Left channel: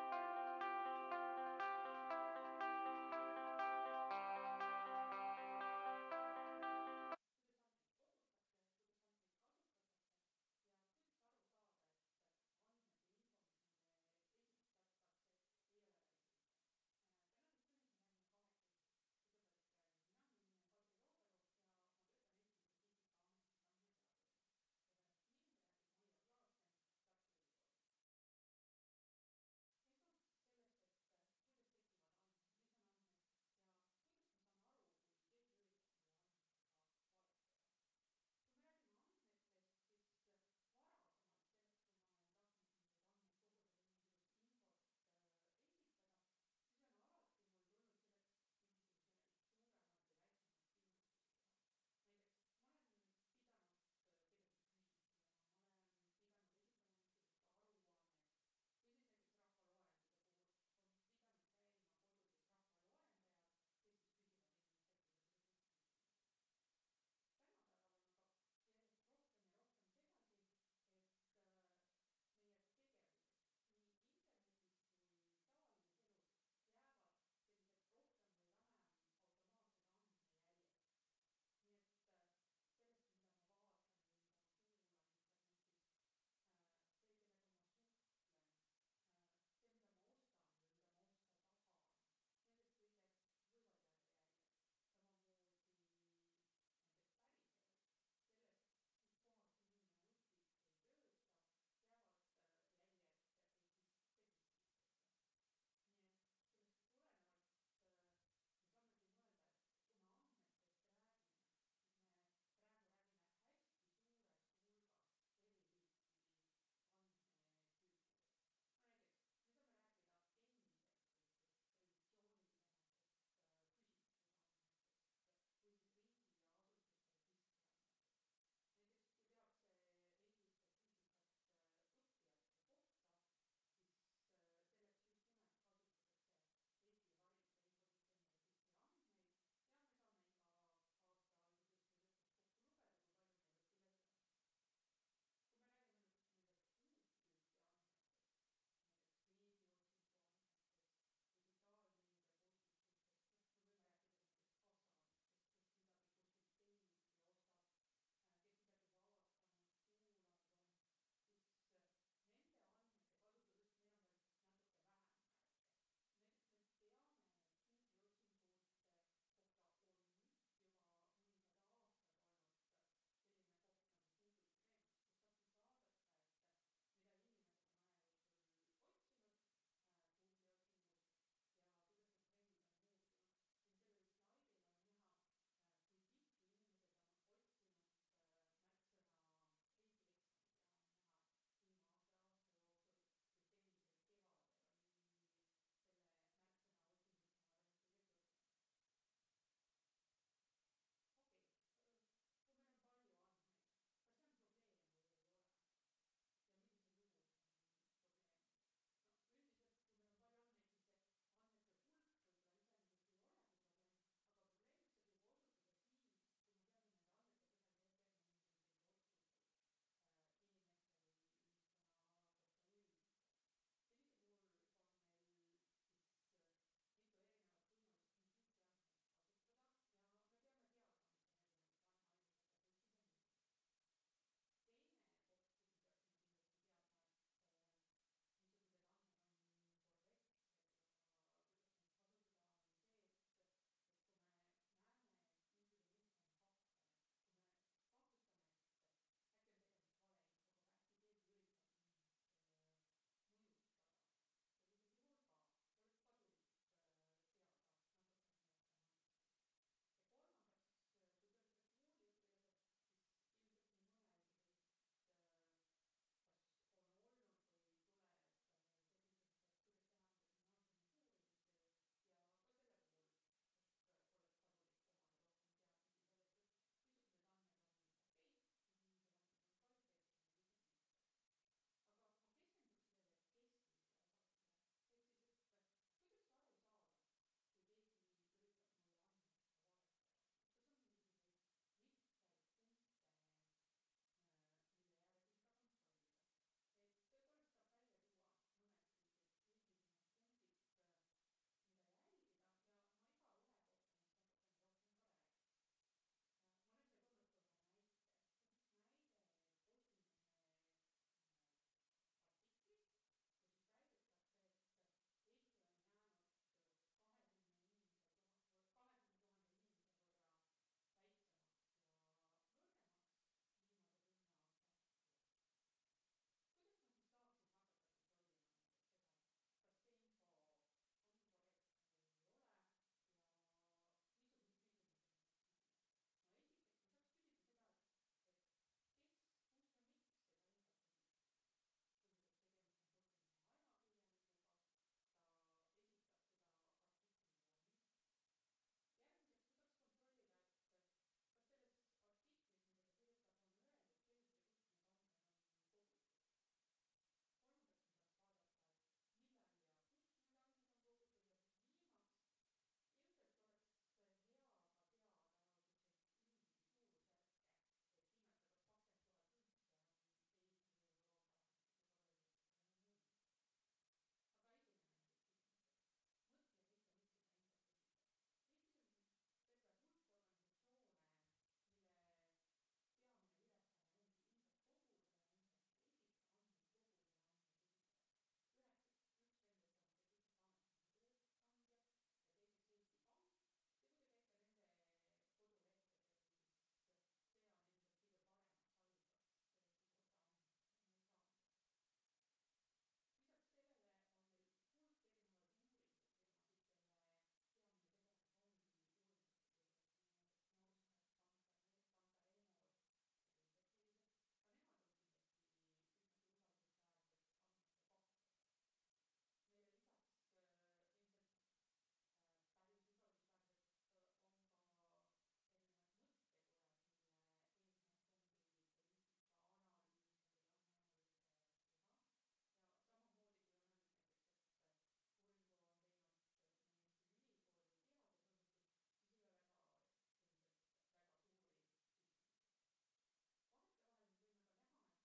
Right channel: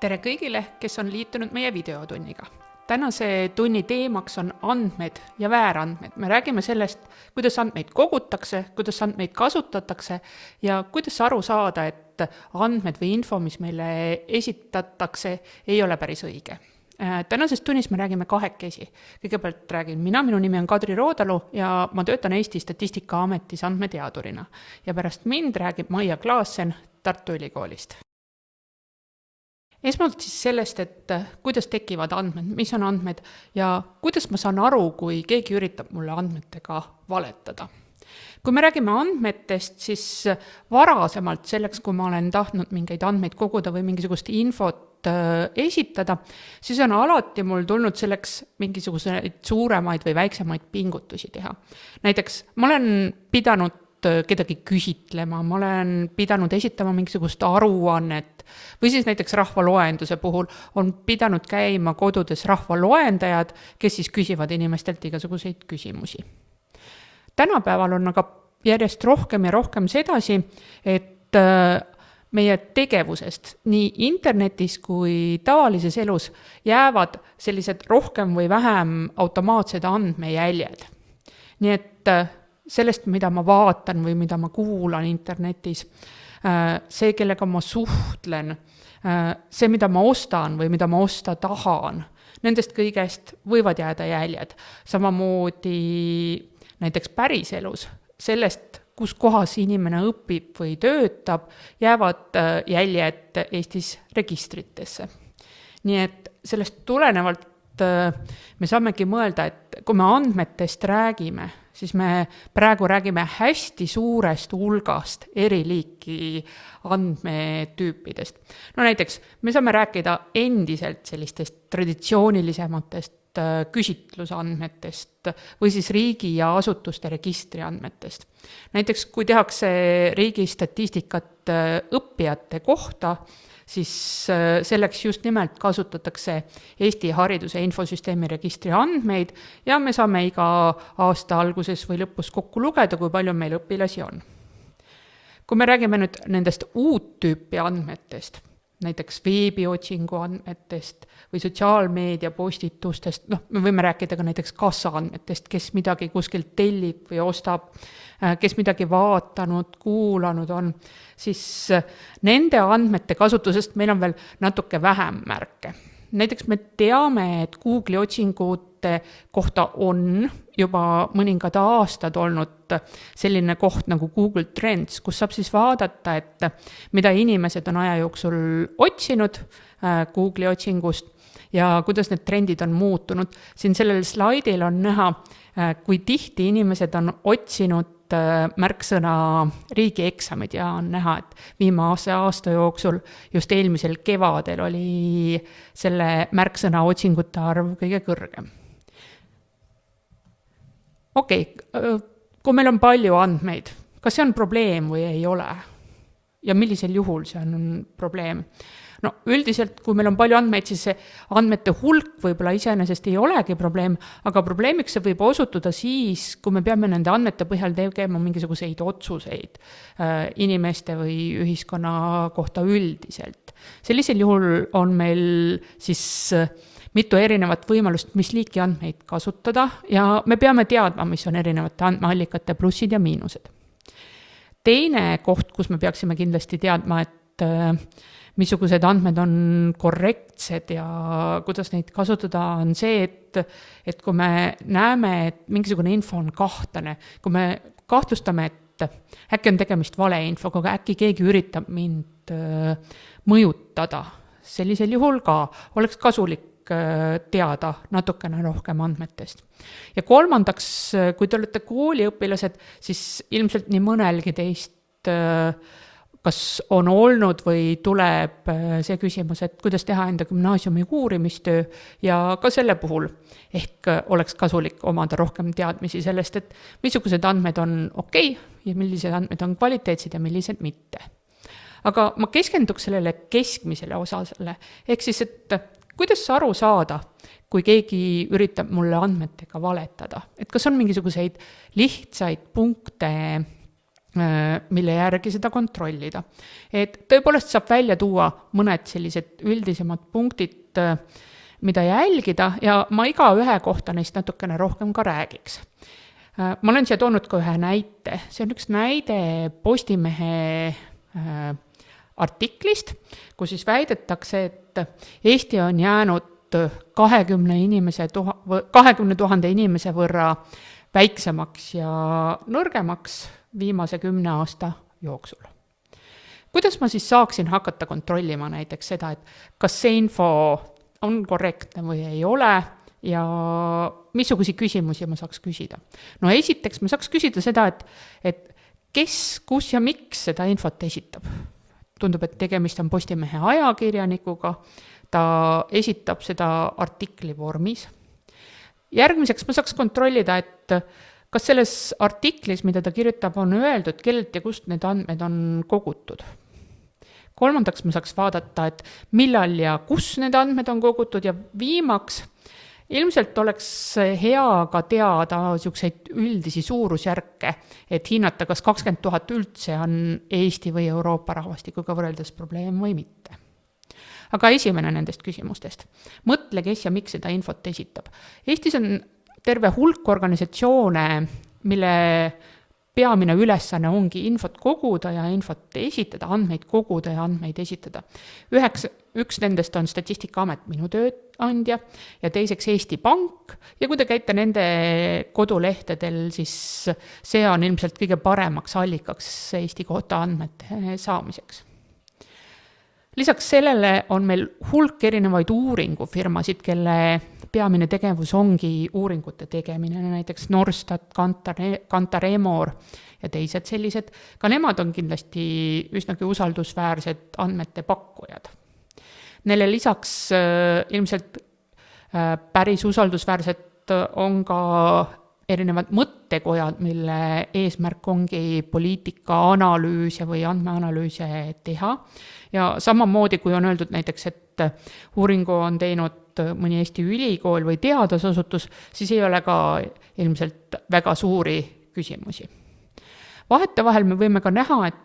Tere kõigile, kes on liitunud meie videotunniga. Tänase tunni teemaks on andmed ja väärandmed. Me räägime sellest, kuidas andmeid kogutakse, kuidas andmeid kasutatakse ja kuidas aru saada, et andmed või info, mis meile esitatakse, ei ole päris õige. Tänases tunnis me räägime kahekesi. Kõigepealt räägin mina, minu nimi on Kadri Roodalu ja ma töötan Eesti Statistikaametis andmeteadurina. Ja pärast mind räägib Maia Klaassen Tartu Ülikoolist. Esmalt siis sellest, et kuidas tekivad andmed, mis on andmed ja kuidas ma saan aru, kui keegi üritab mulle andmetega valetada. Kui me räägime andmetest, siis varasemalt selleks, kui ma olen tahtnud mingeid andmeid koguda või mingisugust infot esitada, siis on alati mul tulnud selleks mingisuguseid suuremaid või väiksemaid pingutusi teha. Näiteks ma olen pidanud kedagi küsitlema, ma olen pidanud esitama mingisugust aruannet või siis näiteks rahvaloenduse puhul on pidanud käima kodudes rahvaloendajad, kes siis küsivad inimestelt igasuguseid küsimusi. Tänapäeval on aga järjest rohkem ja rohkem sedasi, et meie tegevusest nii internetis kui tavalises elus jäävad sellised rohkem või vähem automaatsed andmejäljed. Nii et sellest, mida ma vaatan või mida ma kuulan internetis, see, kellega ma suhtlen, see, mida ma ostan või mida ma osta tahan, nendest kõigest võivad jääda jäljed. Samamoodi näiteks päriselus, sellest, kus kohas inimene õpib või töötab, jäävad jäljed Eestis registritesse. Nii et sellest tulenevalt me saamegi mõelda, et kui me andmetest räägime, siis me praegu räägime hästi suurest hulgast eri liiki andmetüüpidest. No näiteks me saame rääkida endiselt sellistest traditsioonilisematest küsitlusandmetest või siis riigi ja asutuste registri andmetest. Näiteks kui tehakse riigi statistikat õppijate kohta, siis selleks just nimelt kasutatakse Eesti hariduse infosüsteemi registri andmeid ja me saame iga aasta alguses või lõpus kokku lugeda, kui palju meil õpilasi on. Kui me räägime nüüd nendest uut tüüpi andmetest, näiteks veebiotsingu andmetest või sotsiaalmeedia postitustest, me võime rääkida ka näiteks kassa andmetest, kes midagi kuskilt tellib või ostab, kes midagi vaatanud, kuulanud on, siis nende andmete kasutusest meil on veel natuke vähem märke. Näiteks me teame, et Google'i otsingute kohta on juba mõningad aastad olnud selline koht nagu Google Trends, kus saab siis vaadata, et mida inimesed on aja jooksul otsinud Google'i otsingust ja kuidas need trendid on muutunud. Siin sellel slaidil on näha, kui tihti inimesed on otsinud märksõna riigieksamid ja on näha, et viimase aasta jooksul just eelmisel kevadel oli selle märksõna otsingute arv kõige kõrgem. Okei, kui meil on palju andmeid, kas see on probleem või ei ole? Ja millisel juhul see on probleem? No üldiselt, kui meil on palju andmeid, siis see andmete hulk võib-olla iseenesest ei olegi probleem, aga probleemiks see võib osutuda siis, kui me peame nende andmete põhjal tegema mingisuguseid otsuseid inimeste või ühiskonna kohta üldiselt. Sellisel juhul on meil siis mitu erinevat võimalust, mis liiki andmeid kasutada ja me peame teadma, mis on erinevate andmeallikate plussid ja miinused. Teine koht, kus me peaksime kindlasti teadma, et missugused andmed on korrektsed ja kuidas neid kasutada, on see, et kui me näeme, et mingisugune info on kahtlane, kui me kahtlustame, et äkki on tegemist valeinfoga, aga äkki keegi üritab mind mõjutada, sellisel juhul ka oleks kasulik teada natukene rohkem andmetest. Ja kolmandaks, kui te olete kooliõpilased, siis ilmselt nii mõnelgi teist kas on olnud või tuleb see küsimus, et kuidas teha enda gümnaasiumi uurimistöö ja ka selle puhul ehk oleks kasulik omada rohkem teadmisi sellest, et missugused andmed on okei ja millised andmed on kvaliteetsed ja millised mitte. Aga ma keskenduks sellele keskmisele osasele, ehk siis, et kuidas aru saada, kui keegi üritab mulle andmetega valetada, et kas on mingisuguseid lihtsaid punkte, mille järgi seda kontrollida. Et tõepoolest saab välja tuua mõned sellised üldisemad punktid, mida jälgida ja ma iga ühe kohta neist natukene rohkem ka räägiks. Ma olen siia toonud ka ühe näite. See on üks näide Postimehe artiklist, kus siis väidetakse, et Eesti on jäänud 20 000 inimese võrra väiksemaks ja nõrgemaks viimase 10 aasta jooksul. Kuidas ma siis saaksin hakata kontrollima näiteks seda, et kas see info on korrektne või ei ole ja missuguseid küsimusi ma saaks küsida? No esiteks ma saaks küsida seda, et kes, kus ja miks seda infot esitab. Tundub, et tegemist on Postimehe ajakirjanikuga, ta esitab seda artikli vormis. Järgmiseks ma saaks kontrollida, et kas selles artiklis, mida ta kirjutab, on öeldud, kellelt ja kust need andmed on kogutud. Kolmandaks ma saaks vaadata, et millal ja kus need andmed on kogutud ja viimaks ilmselt oleks hea ka teada niisuguseid üldisi suurusjärke, et hinnata, kas 20 000 üldse on Eesti või Euroopa rahvastikuga võrreldes probleem või mitte. Aga esimene nendest küsimustest. Mõtle, kes ja miks seda infot esitab. Eestis on terve hulk organisatsioone, mille peamine ülesanne ongi infot koguda ja infot esitada, andmeid koguda ja andmeid esitada. Üks nendest on Statistikaamet, minu tööandja, ja teiseks Eesti Pank, ja kui te käite nende kodulehtedel, siis see on ilmselt kõige paremaks allikaks Eesti kohta andmete saamiseks. Lisaks sellele on meil hulk erinevaid uuringufirmasid, kelle peamine tegevus ongi uuringute tegemine, näiteks Norstat, Kantar Emor ja teised sellised. Ka nemad on kindlasti üsnagi usaldusväärsed andmete pakkujad. Neile lisaks ilmselt päris usaldusväärsed on ka erinevad mõttekojad, mille eesmärk ongi poliitika-analüüse või andmeanalüüse teha. Ja samamoodi, kui on öeldud näiteks, et uuringu on teinud mõni Eesti ülikool või teadusasutus, siis ei ole ka ilmselt väga suuri küsimusi. Vahetevahel me võime ka näha, et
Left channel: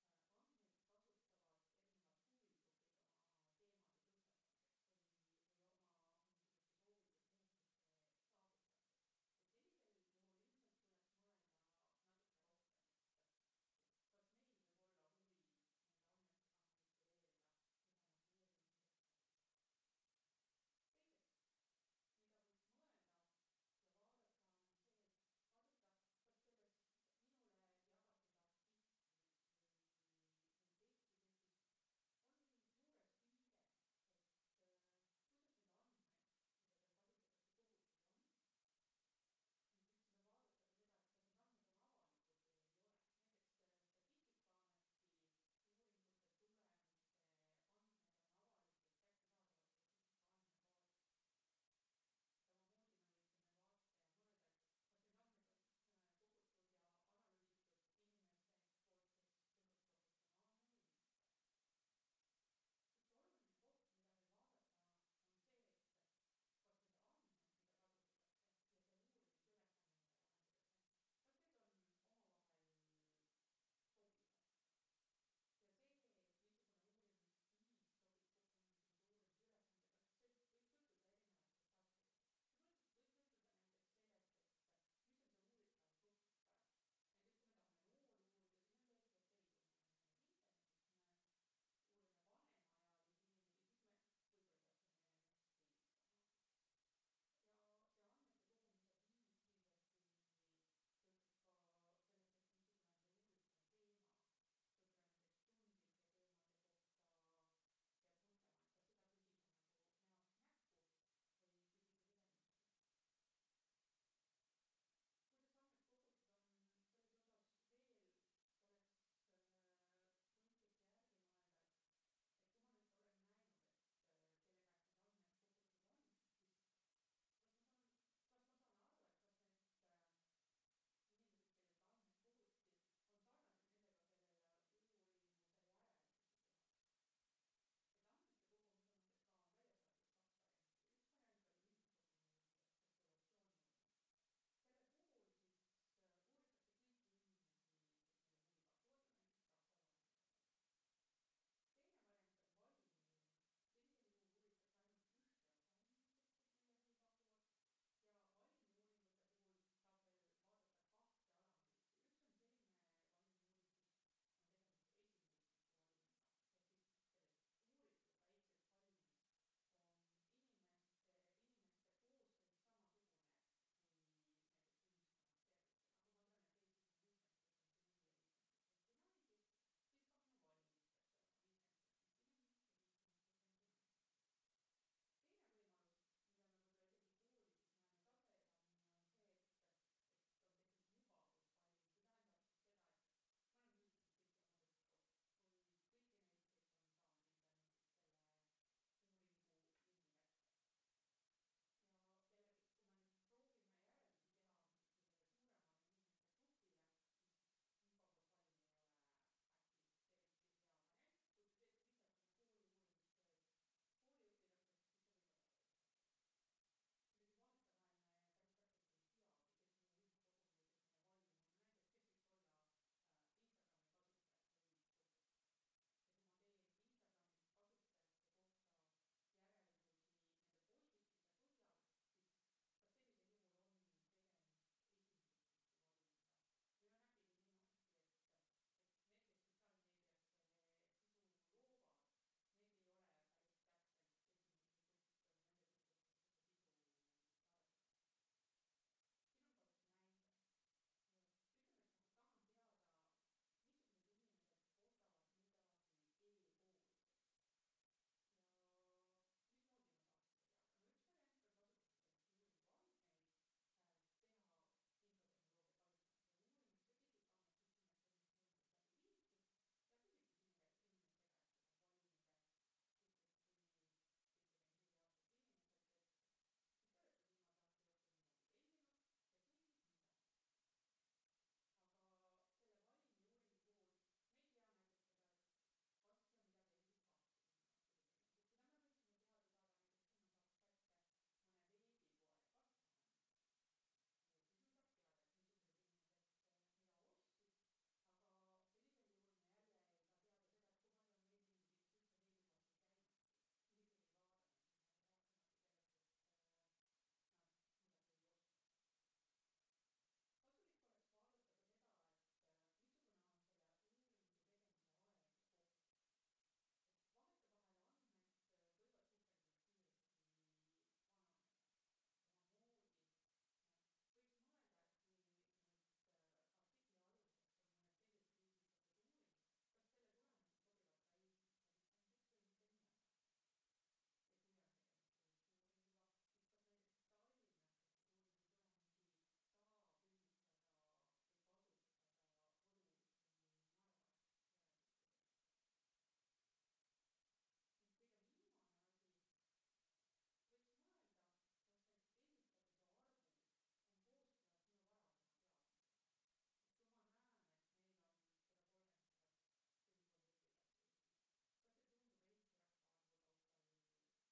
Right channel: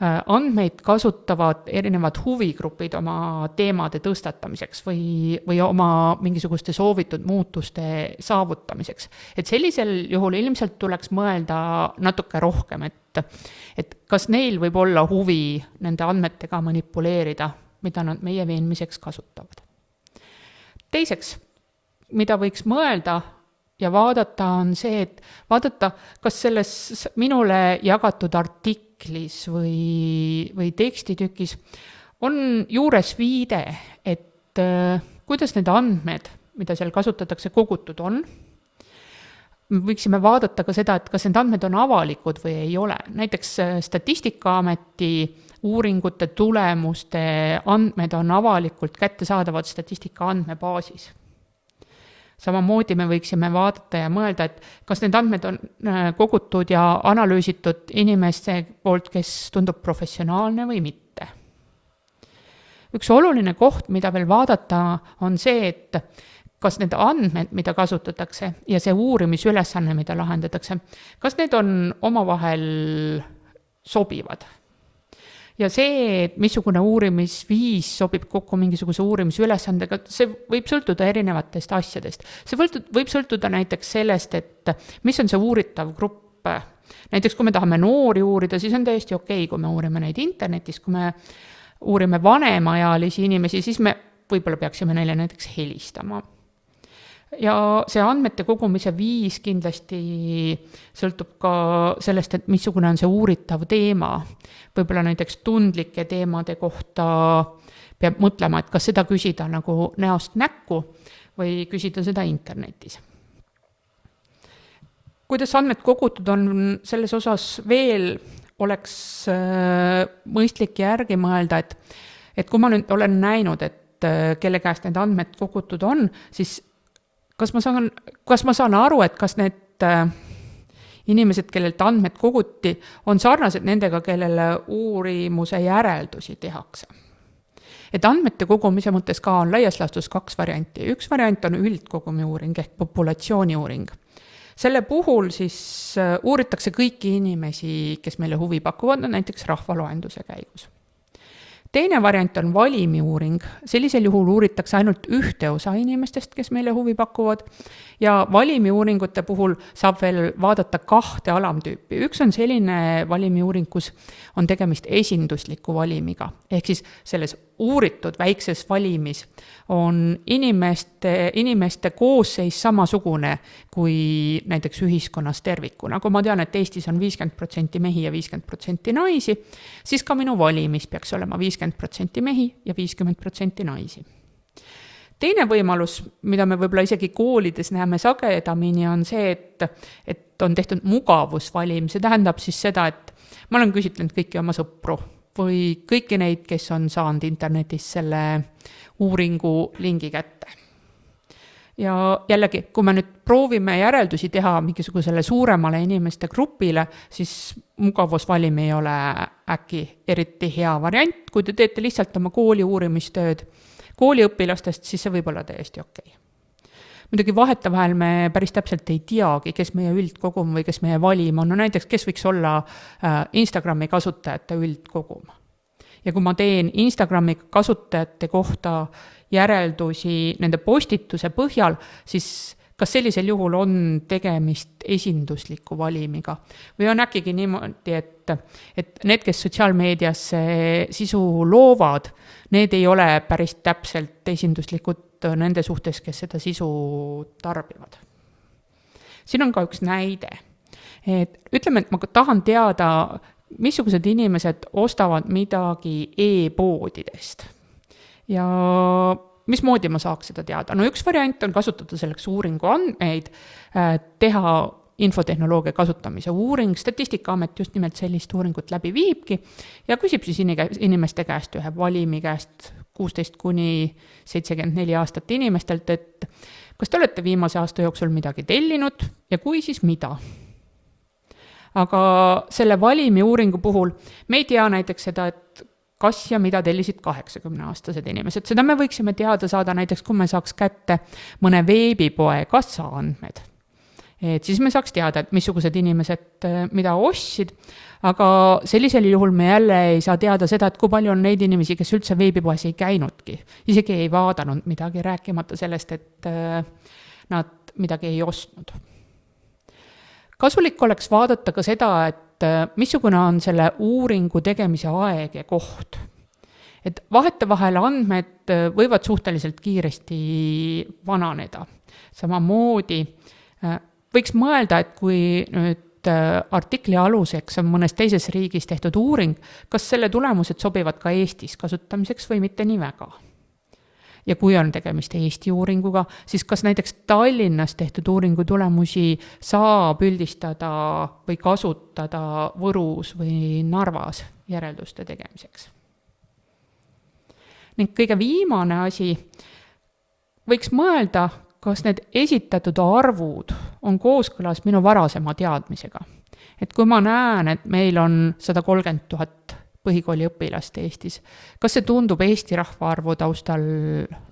andmeid kasutavad erinevad huvigrupid oma teemade tõstatamiseks või oma mingisuguste soovitud muutuste saavutamiseks. Et sellisel juhul ilmselt tuleks mõelda natuke rohkem, et kas neil võib olla huvi nende andmetega manipuleerida, mida nad meie veenmiseks kasutavad. Teiseks, mida võiks mõelda ja vaadata, on see, et vaadata, kas selles minule jagatud artiklis või tekstitukis on juures viide, et kuidas need andmed, mida seal kasutatakse, kogutud on. Me võiksime vaadata ka seda, et kas need andmed on avalikud või ei ole. Näiteks Statistikaameti uuringute tulemuste andmed on avalikult kättesaadavad statistika andmebaasis. Samamoodi me võiksime vaadata ja mõelda, et kas need andmed on kogutud ja analüüsitud inimeste poolt, kes tundub professionaalne või mitte. Üks oluline koht, mida veel vaadata, on see, et kas need andmed, mida kasutatakse ja see uurimisülesanne, mida lahendatakse, kas need on omavahel sobivad. Ja see, et missugune uurimisviis sobib kokku mingisuguse uurimisülesandega, see võib sõltuda erinevatest asjadest. See võib sõltuda näiteks sellest, et mis on see uuritav grupp. Näiteks kui me tahame noori uurida, siis on täiesti okei, kui me uurime neid internetis, kui me uurime vanemaealisi inimesi, siis me võib-olla peaksime neile näiteks helistama. Ja see andmete kogumise viis kindlasti sõltub ka sellest, et missugune on see uuritav teema. Võib-olla näiteks tundlike teemade kohta peab mõtlema, et kas seda küsida nagu näost näkku või küsida seda internetis. Kuidas andmed kogutud on, selles osas veel oleks mõistlik järgi mõelda, et kui ma nüüd olen näinud, et kelle käest need andmed kogutud on, siis kas ma saan aru, et kas need inimesed, kellelt andmed koguti, on sarnased nendega, kellele uurimuse järeldusi tehakse. Et andmete kogumise mõttes ka on laias laastus 2 varianti. Üks variant on üldkogumi uuring ehk populatsiooni uuring. selle puhul siis uuritakse kõiki inimesi, kes meile huvi pakuvad, näiteks rahvaloenduse käigus. Teine variant on valimiuuring, sellisel juhul uuritakse ainult ühte osa inimestest, kes meile huvi pakuvad, ja valimiuuringute puhul saab veel vaadata 2 alamtüüpi. Üks on selline valimiuuring, kus on tegemist esindusliku valimiga, ehk siis selles uuritud väikses valimis on inimeste koosseis samasugune kui näiteks ühiskonnas tervikuna. Kui ma tean, et Eestis on 50% mehi ja 50% naisi, siis ka minu valimis peaks olema 50% mehi ja 50% naisi. Teine võimalus, mida me võib-olla isegi koolides näeme sagedamini, on see, et on tehtud mugavusvalim. See tähendab siis seda, et ma olen küsitlenud kõiki oma sõpru või kõiki neid, kes on saanud internetis selle uuringu lingi kätte. Ja jällegi, kui me nüüd proovime järeldusi teha mingisugusele suuremale inimeste grupile, siis mugavusvalim ei ole äkki eriti hea variant. Kui te teete lihtsalt oma kooli uurimistööd kooliõpilastest, siis see võib olla täiesti okei. Muidugi vahetevahel me päris täpselt ei teagi, kes meie üldkogum või kes meie valim on. No näiteks, kes võiks olla Instagrami kasutajate üldkogum. Ja kui ma teen Instagrami kasutajate kohta järeldusi nende postituse põhjal, siis kas sellisel juhul on tegemist esindusliku valimiga? Või on äkki niimoodi, et need, kes sotsiaalmeediasse sisu loovad, need ei ole päris täpselt esinduslikud nende suhtes, kes seda sisu tarbivad. Siin on ka üks näide. Ütleme, et ma tahan teada, missugused inimesed ostavad midagi e-poodidest. Ja mismoodi ma saaks seda teada? No üks variant on kasutada selleks uuringu andmeid, teha infotehnoloogia kasutamise uuring. Statistikaamet just nimelt sellist uuringut läbi viibki ja küsib siis inimeste käest, ühe valimi käest 16–74 aastat inimestelt, et kas te olete viimase aasta jooksul midagi tellinud ja kui, siis mida? Aga selle valimi uuringu puhul me ei tea näiteks seda, et kas ja mida tellisid 80-aastased inimesed. Seda me võiksime teada saada näiteks, kui me saaks kätte mõne veebipoe kassaandmed. Et siis me saaks teada, et missugused inimesed mida ostsid, aga sellisel juhul me jälle ei saa teada seda, et kui palju on neid inimesi, kes üldse veebipoes ei käinudki. Isegi ei vaadanud midagi, rääkimata sellest, et nad midagi ei ostnud. Kasulik oleks vaadata ka seda, et missugune on selle uuringu tegemise aeg ja koht. Et vahetevahel andmed võivad suhteliselt kiiresti vananeda. Samamoodi võiks mõelda, et kui nüüd artikli aluseks on mõnes teises riigis tehtud uuring, kas selle tulemused sobivad ka Eestis kasutamiseks või mitte nii väga. Ja kui on tegemist Eesti uuringuga, siis kas näiteks Tallinnas tehtud uuringu tulemusi saab üldistada või kasutada Võrus või Narvas järelduste tegemiseks. Ning kõige viimane asi, võiks mõelda, kas need esitatud arvud on kooskõlas minu varasema teadmisega. Et kui ma näen, et meil on 130 000 põhikooli õpilast Eestis, kas see tundub Eesti rahvaarvu taustal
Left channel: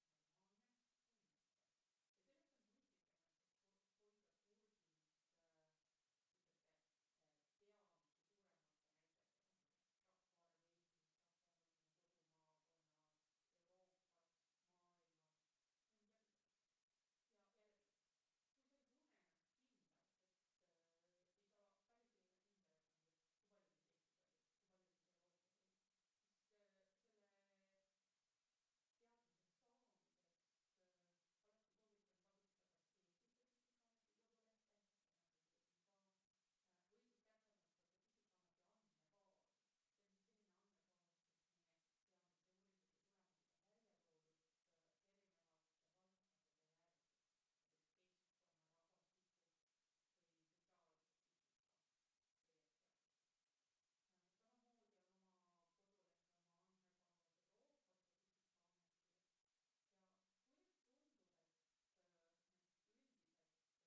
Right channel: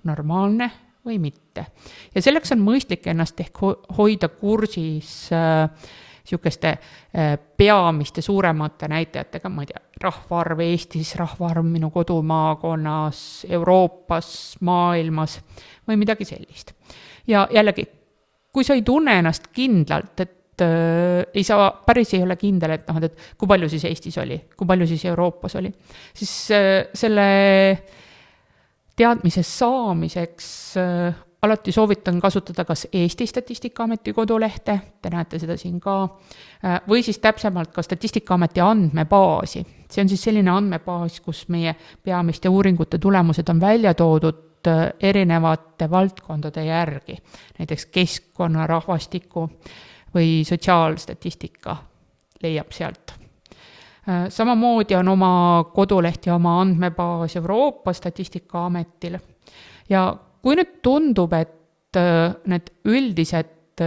normaalne või mitte? Ja selleks on mõistlik ennast ehk hoida kursis sihukeste peamiste suuremate näitajatega, ma ei tea, rahvaarv Eestis, rahvaarv minu kodumaakonnas, Euroopas, maailmas või midagi sellist. Ja jällegi, kui sa ei tunne ennast kindlalt, et päris ei ole kindel, et kui palju siis Eestis oli, kui palju siis Euroopas oli, siis selle teadmise saamiseks alati soovitan kasutada kas Eesti Statistikaameti kodulehte, te näete seda siin ka, või siis täpsemalt ka Statistikaameti andmebaasi. See on siis selline andmebaas, kus meie peamiste uuringute tulemused on välja toodud erinevate valdkondade järgi, näiteks keskkonna, rahvastiku või sotsiaalstatistika leiab sealt. Samamoodi on oma koduleht ja oma andmebaas Euroopa Statistikaametil. Ja kui nüüd tundub, et need üldised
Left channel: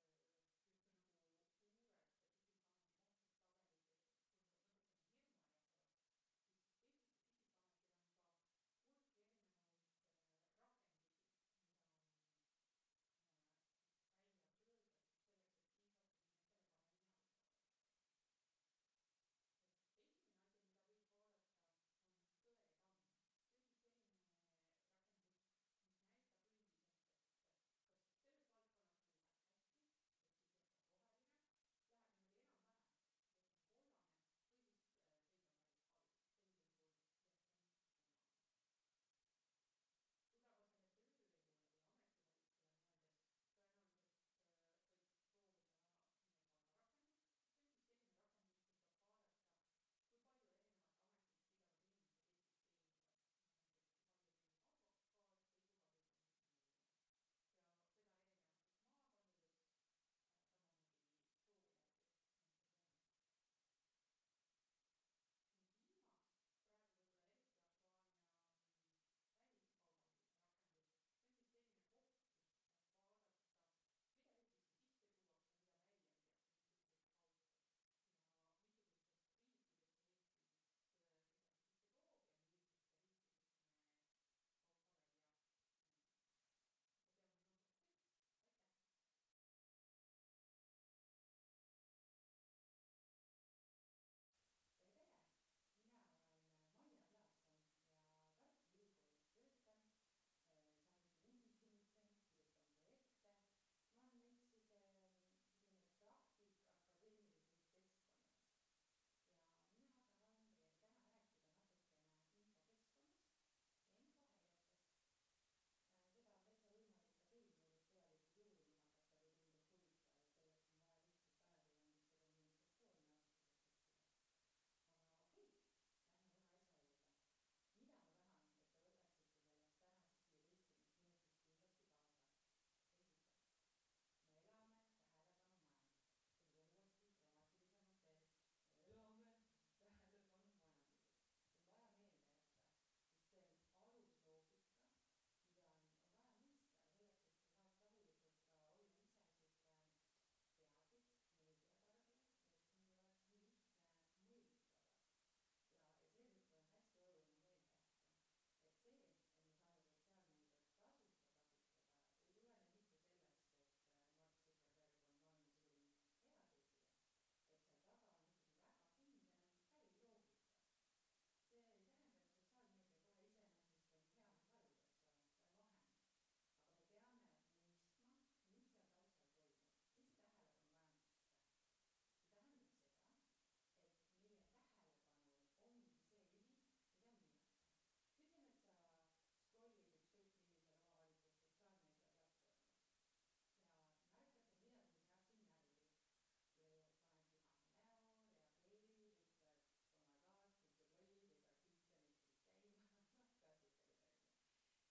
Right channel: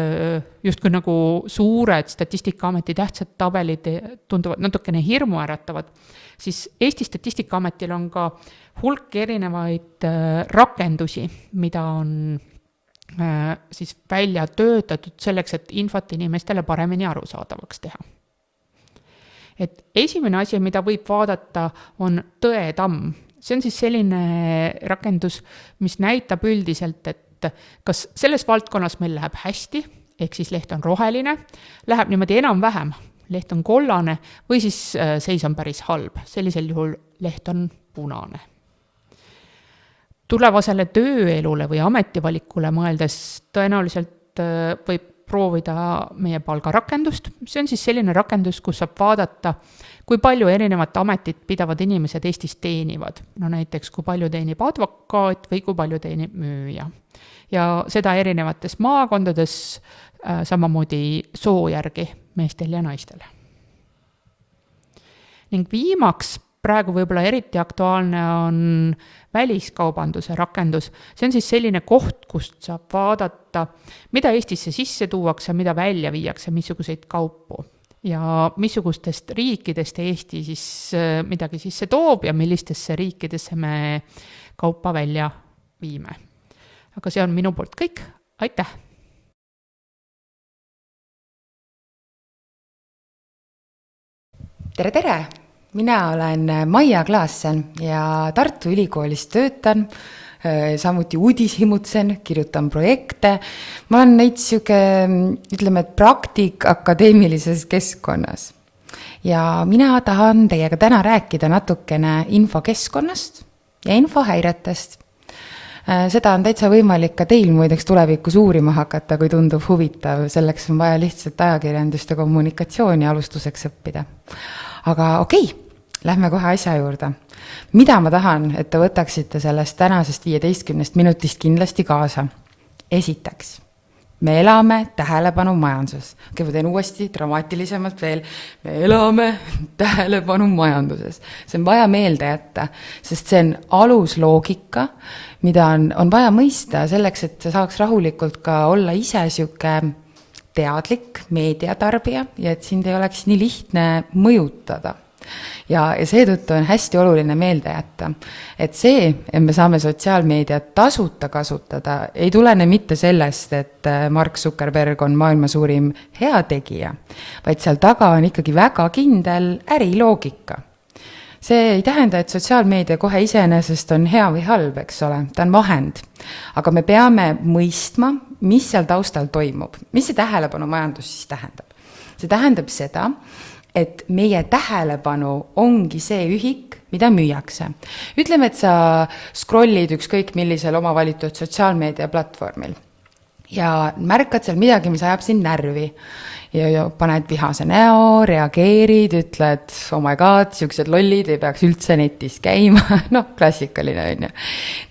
justkui nagu suured Statistikaameti tähtsad tabelid tunduvad natukene hirmuäratavad, siis Eesti Statistikaametil on ka hulk erinevaid rakendusi, mida on siis välja töötatud selleks, et infot inimestele paremini arusaadavaks teha. Et esimene asi, mida võib vaadata, on Tõetamm. See on siis selline rakendus, mis näitab üldiselt, et kas selles valdkonnas meil läheb hästi, ehk siis leht on roheline, läheb niimoodi enam-vähem, leht on kollane või siis seis on päris halb. Sellisel juhul leht on punane. Tulevasele tööelule või ametivalikule mõeldes tõenäoliselt võib proovida meie palgarakendust. See on siis selline rakendus, kus saab vaadata, kui palju erinevat ametit pidavad inimesed Eestis teenivad. No näiteks, kui palju teenib advokaat või kui palju teenib müüja. Ja seda erinevates maakondades, samamoodi soo järgi meestel ja naistel. Ning viimaks, praegu võib-olla eriti aktuaalne on väliskaubanduse rakendus. See on siis selline koht, kust saab vaadata, mida Eestisse sisse tuuakse, mida välja viiakse, missuguseid kaupu. Ja missugustest riikidest Eesti siis midagi sisse toob ja millistesse riikidesse me kaupa välja viime. Aga see on minu poolt kõik. Aitäh! Tere! Mina olen Maia Klaassen ja Tartu Ülikoolis töötan, samuti uudishimutsen, kirjutan projekte. Ma olen näiteks ütleme, praktik akadeemilises keskkonnas. Ja mina tahan teiega täna rääkida natukene infokeskkonnast ja infohäiretest. Seda on täitsa võimalik ka teil muideks tulevikus uurima hakata, kui tundub huvitav. Selleks on vaja lihtsalt ajakirjandust ja kommunikatsiooni alustuseks õppida. Aga okei, lähme kohe asja juurde. Mida ma tahan, et te võtaksite sellest tänasest 15 minutist kindlasti kaasa? Esiteks, me elame tähelepanu majanduses. Okei, ma teen uuesti dramaatilisemalt veel. Me elame tähelepanu majanduses. See on vaja meelde jätta, sest see on alusloogika, mida on vaja mõista selleks, et saaks rahulikult ka olla ise siuke teadlik meediatarbija ja et sind ei oleks nii lihtne mõjutada. Ja seetõttu on hästi oluline meelde jätta, et see, et me saame sotsiaalmeediat tasuta kasutada, ei tulene mitte sellest, et Mark Zuckerberg on maailma suurim heategija, vaid seal taga on ikkagi väga kindel äriloogika. See ei tähenda, et sotsiaalmeedia kohe iseenesest on hea või halb, eks ole, ta on vahend. Aga me peame mõistma, mis seal taustal toimub. Mis see tähelepanu majandus siis tähendab? See tähendab seda, et meie tähelepanu ongi see ühik, mida müüakse. Ütleme, et sa scrollid ükskõik millisel oma valitud sotsiaalmeedia platvormil ja märkad seal midagi, mis ajab sind närvi. Ja paned vihase näo, reageerid, ütled, oh my god, siuksed lollid ei peaks üldse netis käima. No, klassikaline on ju.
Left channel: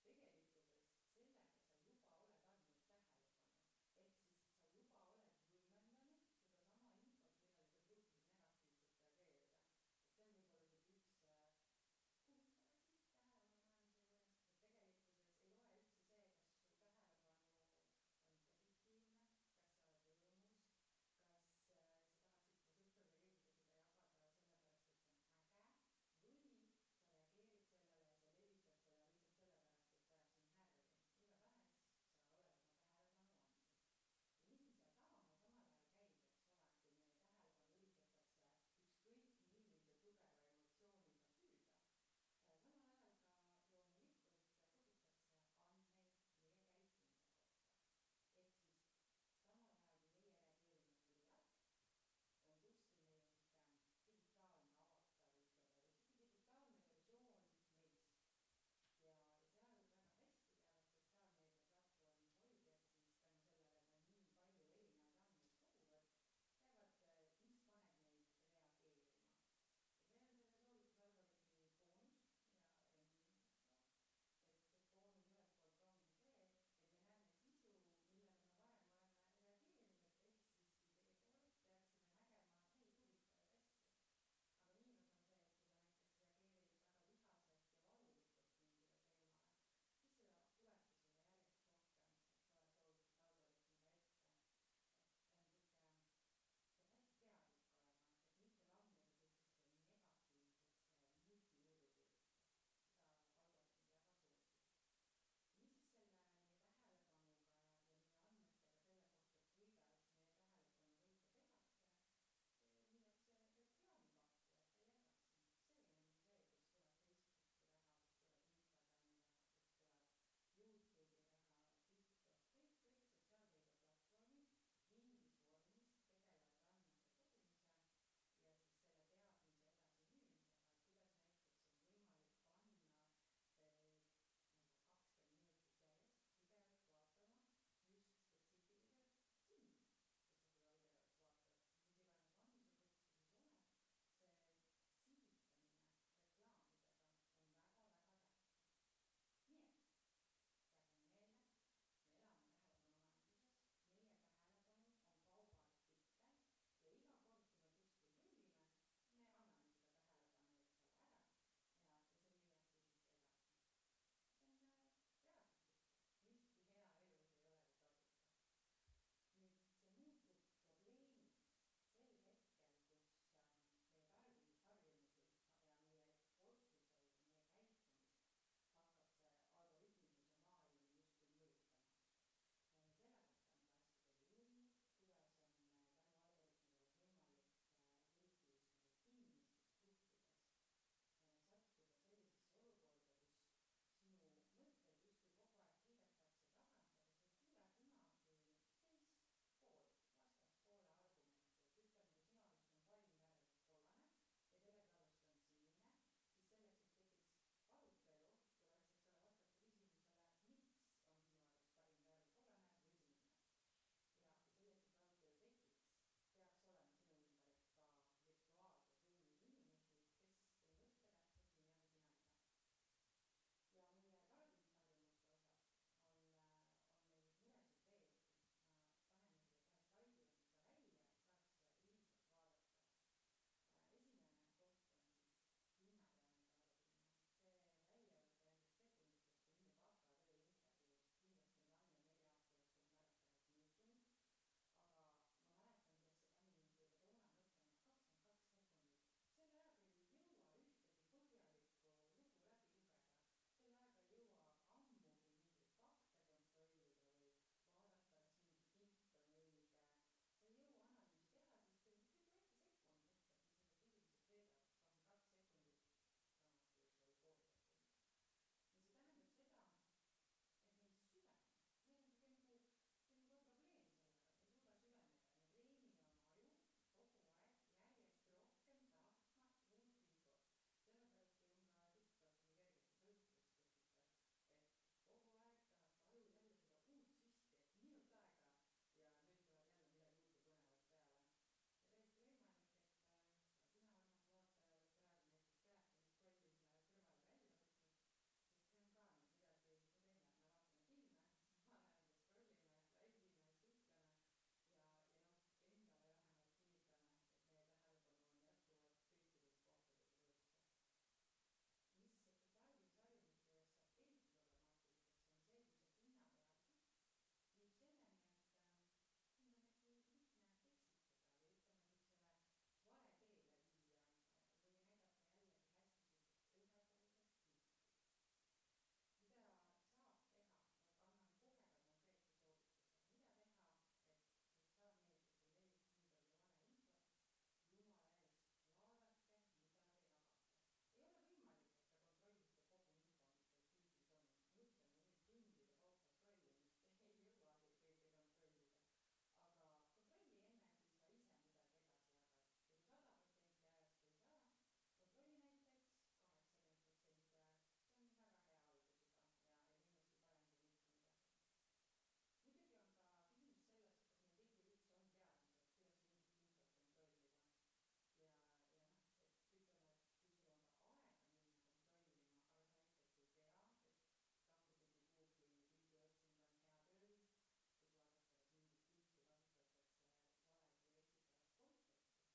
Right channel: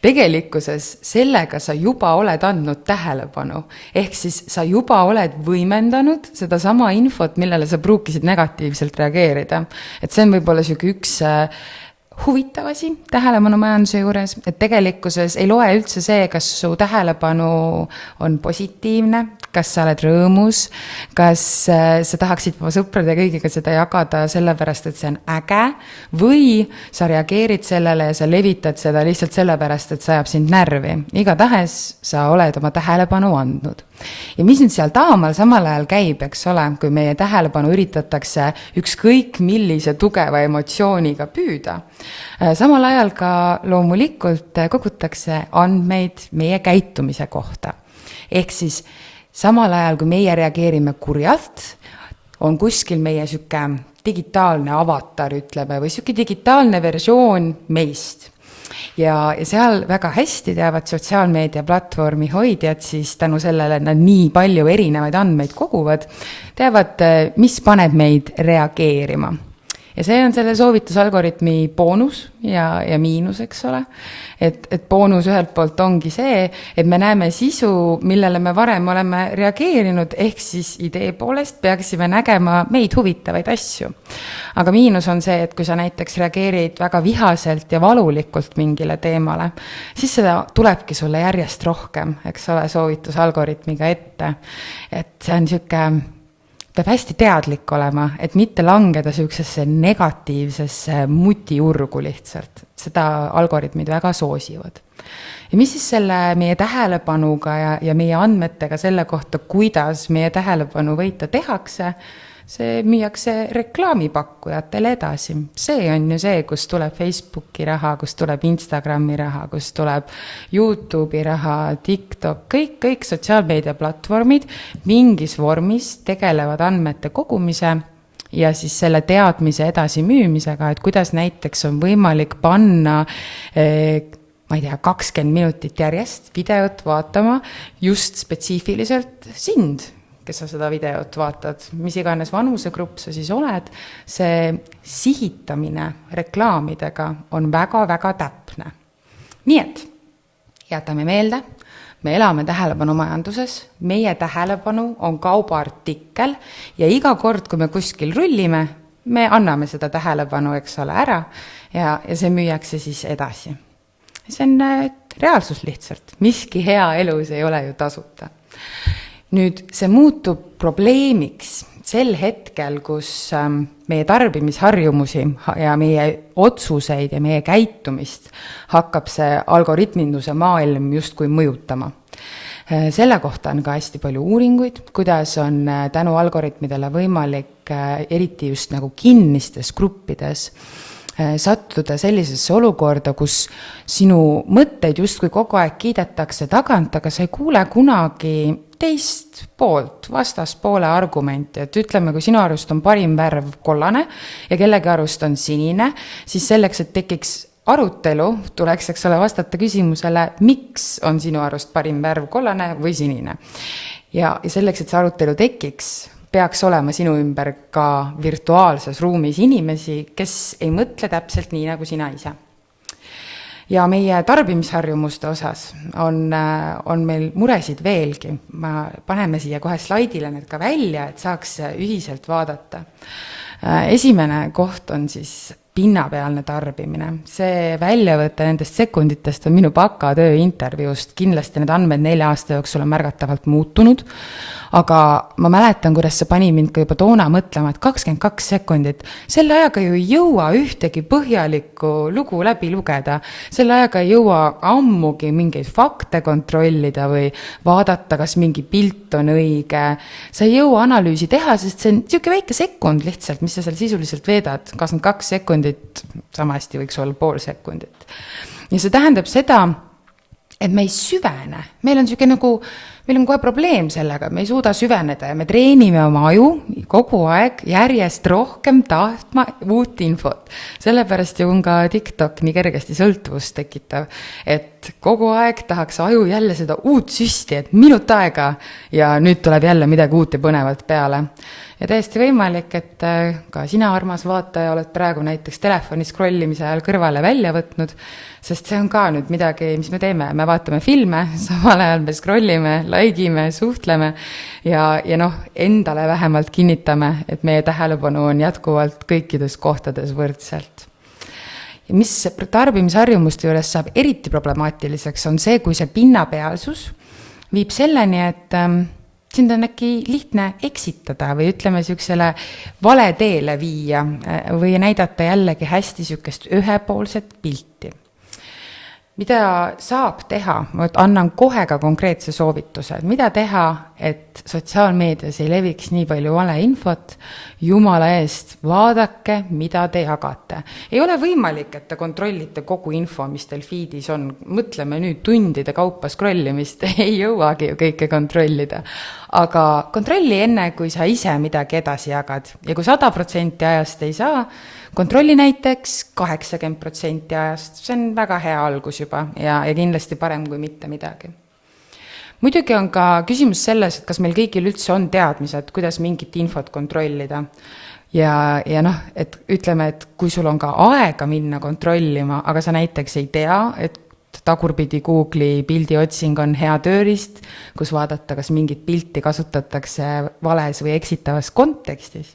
Tegelikkuses sellega sa juba oled andnud tähelepanu. Ehk siis sa juba oled võimendanud seda sama infot, millele sa pruukisid negatiivselt reageerida. Et see on võib-olla siuke üks huvitav asi tähelepanu majanduse juures, et tegelikkuses ei loe üldse see, kas su tähelepanu on positiivne, kas sa oled rõõmus, kas sa tahaksid oma sõprade kõigiga seda jagada sellepärast, et see on äge, või sa reageerid sellele ja sa levitad seda lihtsalt sellepärast, et see ajab sind närvi. Igatahes sa oled oma tähelepanu andnud. Ja mis nüüd seal taamal samal ajal käib, eks ole, kui meie tähelepanu üritatakse ükskõik millise tugeva emotsiooniga püüda. Samal ajal ka loomulikult kogutakse andmeid meie käitumise kohta. Ehk siis samal ajal, kui meie reageerime kurjalt, on kuskil meie süke digitaalne avatar, ütleme, või süke digitaalne versioon meist. Ja seal väga hästi teavad sotsiaalmeedia platvormi hoidjad, siis tänu sellele nad nii palju erinevaid andmeid koguvad, teavad, mis paneb meid reageerima. Ja see on selle soovitusalgoritmi boonus ja miinus, eks ole. Et boonus ühelt poolt ongi see, et me näeme sisu, millele me varem oleme reageerinud, ehk siis idee poolest peaksime nägema meid huvitavaid asju. Aga miinus on see, et kui sa näiteks reageerid väga vihaselt ja valulikult mingile teemale, siis seda tulebki sulle järjest rohkem, eks ole, soovitusalgoritmiga ette. Et see on siuke, peab hästi teadlik olema, et mitte langeda siuksesse negatiivsesse mutiurgu lihtsalt. Seda algoritmid väga soosivad. ja mis siis selle meie tähelepanuga ja meie andmetega selle kohta, kuidas meie tähelepanu võita tehakse, see müüakse reklaamipakkujatele edasi. See on ju see, kus tuleb Facebooki raha, kus tuleb Instagrami raha, kus tuleb YouTube'i raha, TikTok, kõik sotsiaalmeediaplatvormid mingis vormis tegelevad andmete kogumise ja siis selle teadmise edasi müümisega, et kuidas näiteks on võimalik panna ma ei tea, 20 minutit järjest videot vaatama just spetsiifiliselt sind, kes sa seda videot vaatad, mis iganes vanusegrupp sa siis oled, see sihitamine reklaamidega on väga-väga täpne. Nii et jätame meelde, me elame tähelepanumajanduses, meie tähelepanu on kaubaartikkel ja iga kord, kui me kuskil rullime, me anname seda tähelepanu, eks ole, ära ja see müüakse siis edasi. See on reaalsus lihtsalt, miski hea elus ei ole ju tasuta. Nüüd see muutub probleemiks sel hetkel, kus meie tarbimisharjumusi ja meie otsuseid ja meie käitumist hakkab see algoritminduse maailm justkui mõjutama. Selle kohta on ka hästi palju uuringuid, kuidas on tänu algoritmidele võimalik eriti just nagu kinnistes gruppides sattuda sellisesse olukorda, kus sinu mõtteid justkui kogu aeg kiidetakse tagant, aga sa ei kuule kunagi teist poolt, vastaspoole argumenti, et ütleme, kui sinu arust on parim värv kollane ja kellegi arust on sinine, siis selleks, et tekiks arutelu, tuleks, eks ole, vastata küsimusele, miks on sinu arust parim värv kollane või sinine. Ja selleks, et see arutelu tekiks, peaks olema sinu ümber ka virtuaalses ruumis inimesi, kes ei mõtle täpselt nii, nagu sina ise. Ja meie tarbimisharjumuste osas on meil muresid veelgi. Paneme siia kohe slaidile need ka välja, et saaks ühiselt vaadata. Esimene koht on siis pinnapealne tarbimine. See väljavõte nendest sekunditest on minu bakatöö intervjuust. Kindlasti need andmed 4 aasta jooksul on märgatavalt muutunud, aga ma mäletan, kuidas see pani mind ka juba toona mõtlema, et 22 sekundit, selle ajaga ju ei jõua ühtegi põhjalikku lugu läbi lugeda, selle ajaga ei jõua ammugi mingeid fakte kontrollida või vaadata, kas mingi pilt on õige. Sa ei jõua analüüsi teha, sest see on niisugune väike sekund lihtsalt, mis sa seal sisuliselt veedad. 22 sekundit, sama hästi võiks olla pool sekundit. Ja see tähendab seda, et me ei süvene. Meil on kohe probleem sellega, me ei suuda süveneda ja me treenime oma aju kogu aeg järjest rohkem tahtma uut infot. Sellepärast ju on ka TikTok nii kergesti sõltuvust tekitav, et kogu aeg tahaks aju jälle seda uut süsti, et minut aega ja nüüd tuleb jälle midagi uut ja põnevat peale. Ja täiesti võimalik, et ka sina, armas vaataja, oled praegu näiteks telefoni scrollimise ajal kõrvale välja võtnud, sest see on ka nüüd midagi, mis me teeme. Me vaatame filme, samal ajal me scrollime, likeime, suhtleme ja endale vähemalt kinnitame, et meie tähelepanu on jätkuvalt kõikides kohtades võrdselt. Ja mis tarbimisharjumuste juures saab eriti problemaatiliseks, on see, kui see pinnapealsus viib selleni, et sind on äkki lihtne eksitada või ütleme niisugusele vale teele viia või näidata jällegi hästi niisugust ühepoolset pilti. Mida saab teha? Ma annan kohe ka konkreetse soovituse. Mida teha, et sotsiaalmeedias ei leviks nii palju valeinfot? Jumala eest, vaadake, mida te jagate. Ei ole võimalik, et te kontrollite kogu info, mis teil feedis on. Mõtleme nüüd tundide kaupa scrollimist, ei jõuagi ju kõike kontrollida. Aga kontrolli enne, kui sa ise midagi edasi jagad. Ja kui 100% ajast ei saa, kontrolli näiteks 80% ajast. See on väga hea algus juba ja kindlasti parem kui mitte midagi. Muidugi on ka küsimus selles, et kas meil kõigil üldse on teadmised, kuidas mingit infot kontrollida. Ja et ütleme, et kui sul on ka aega minna kontrollima, aga sa näiteks ei tea, et tagurpidi Google'i pildiotsing on hea tööriist, kus vaadata, kas mingit pilti kasutatakse vales või eksitavas kontekstis,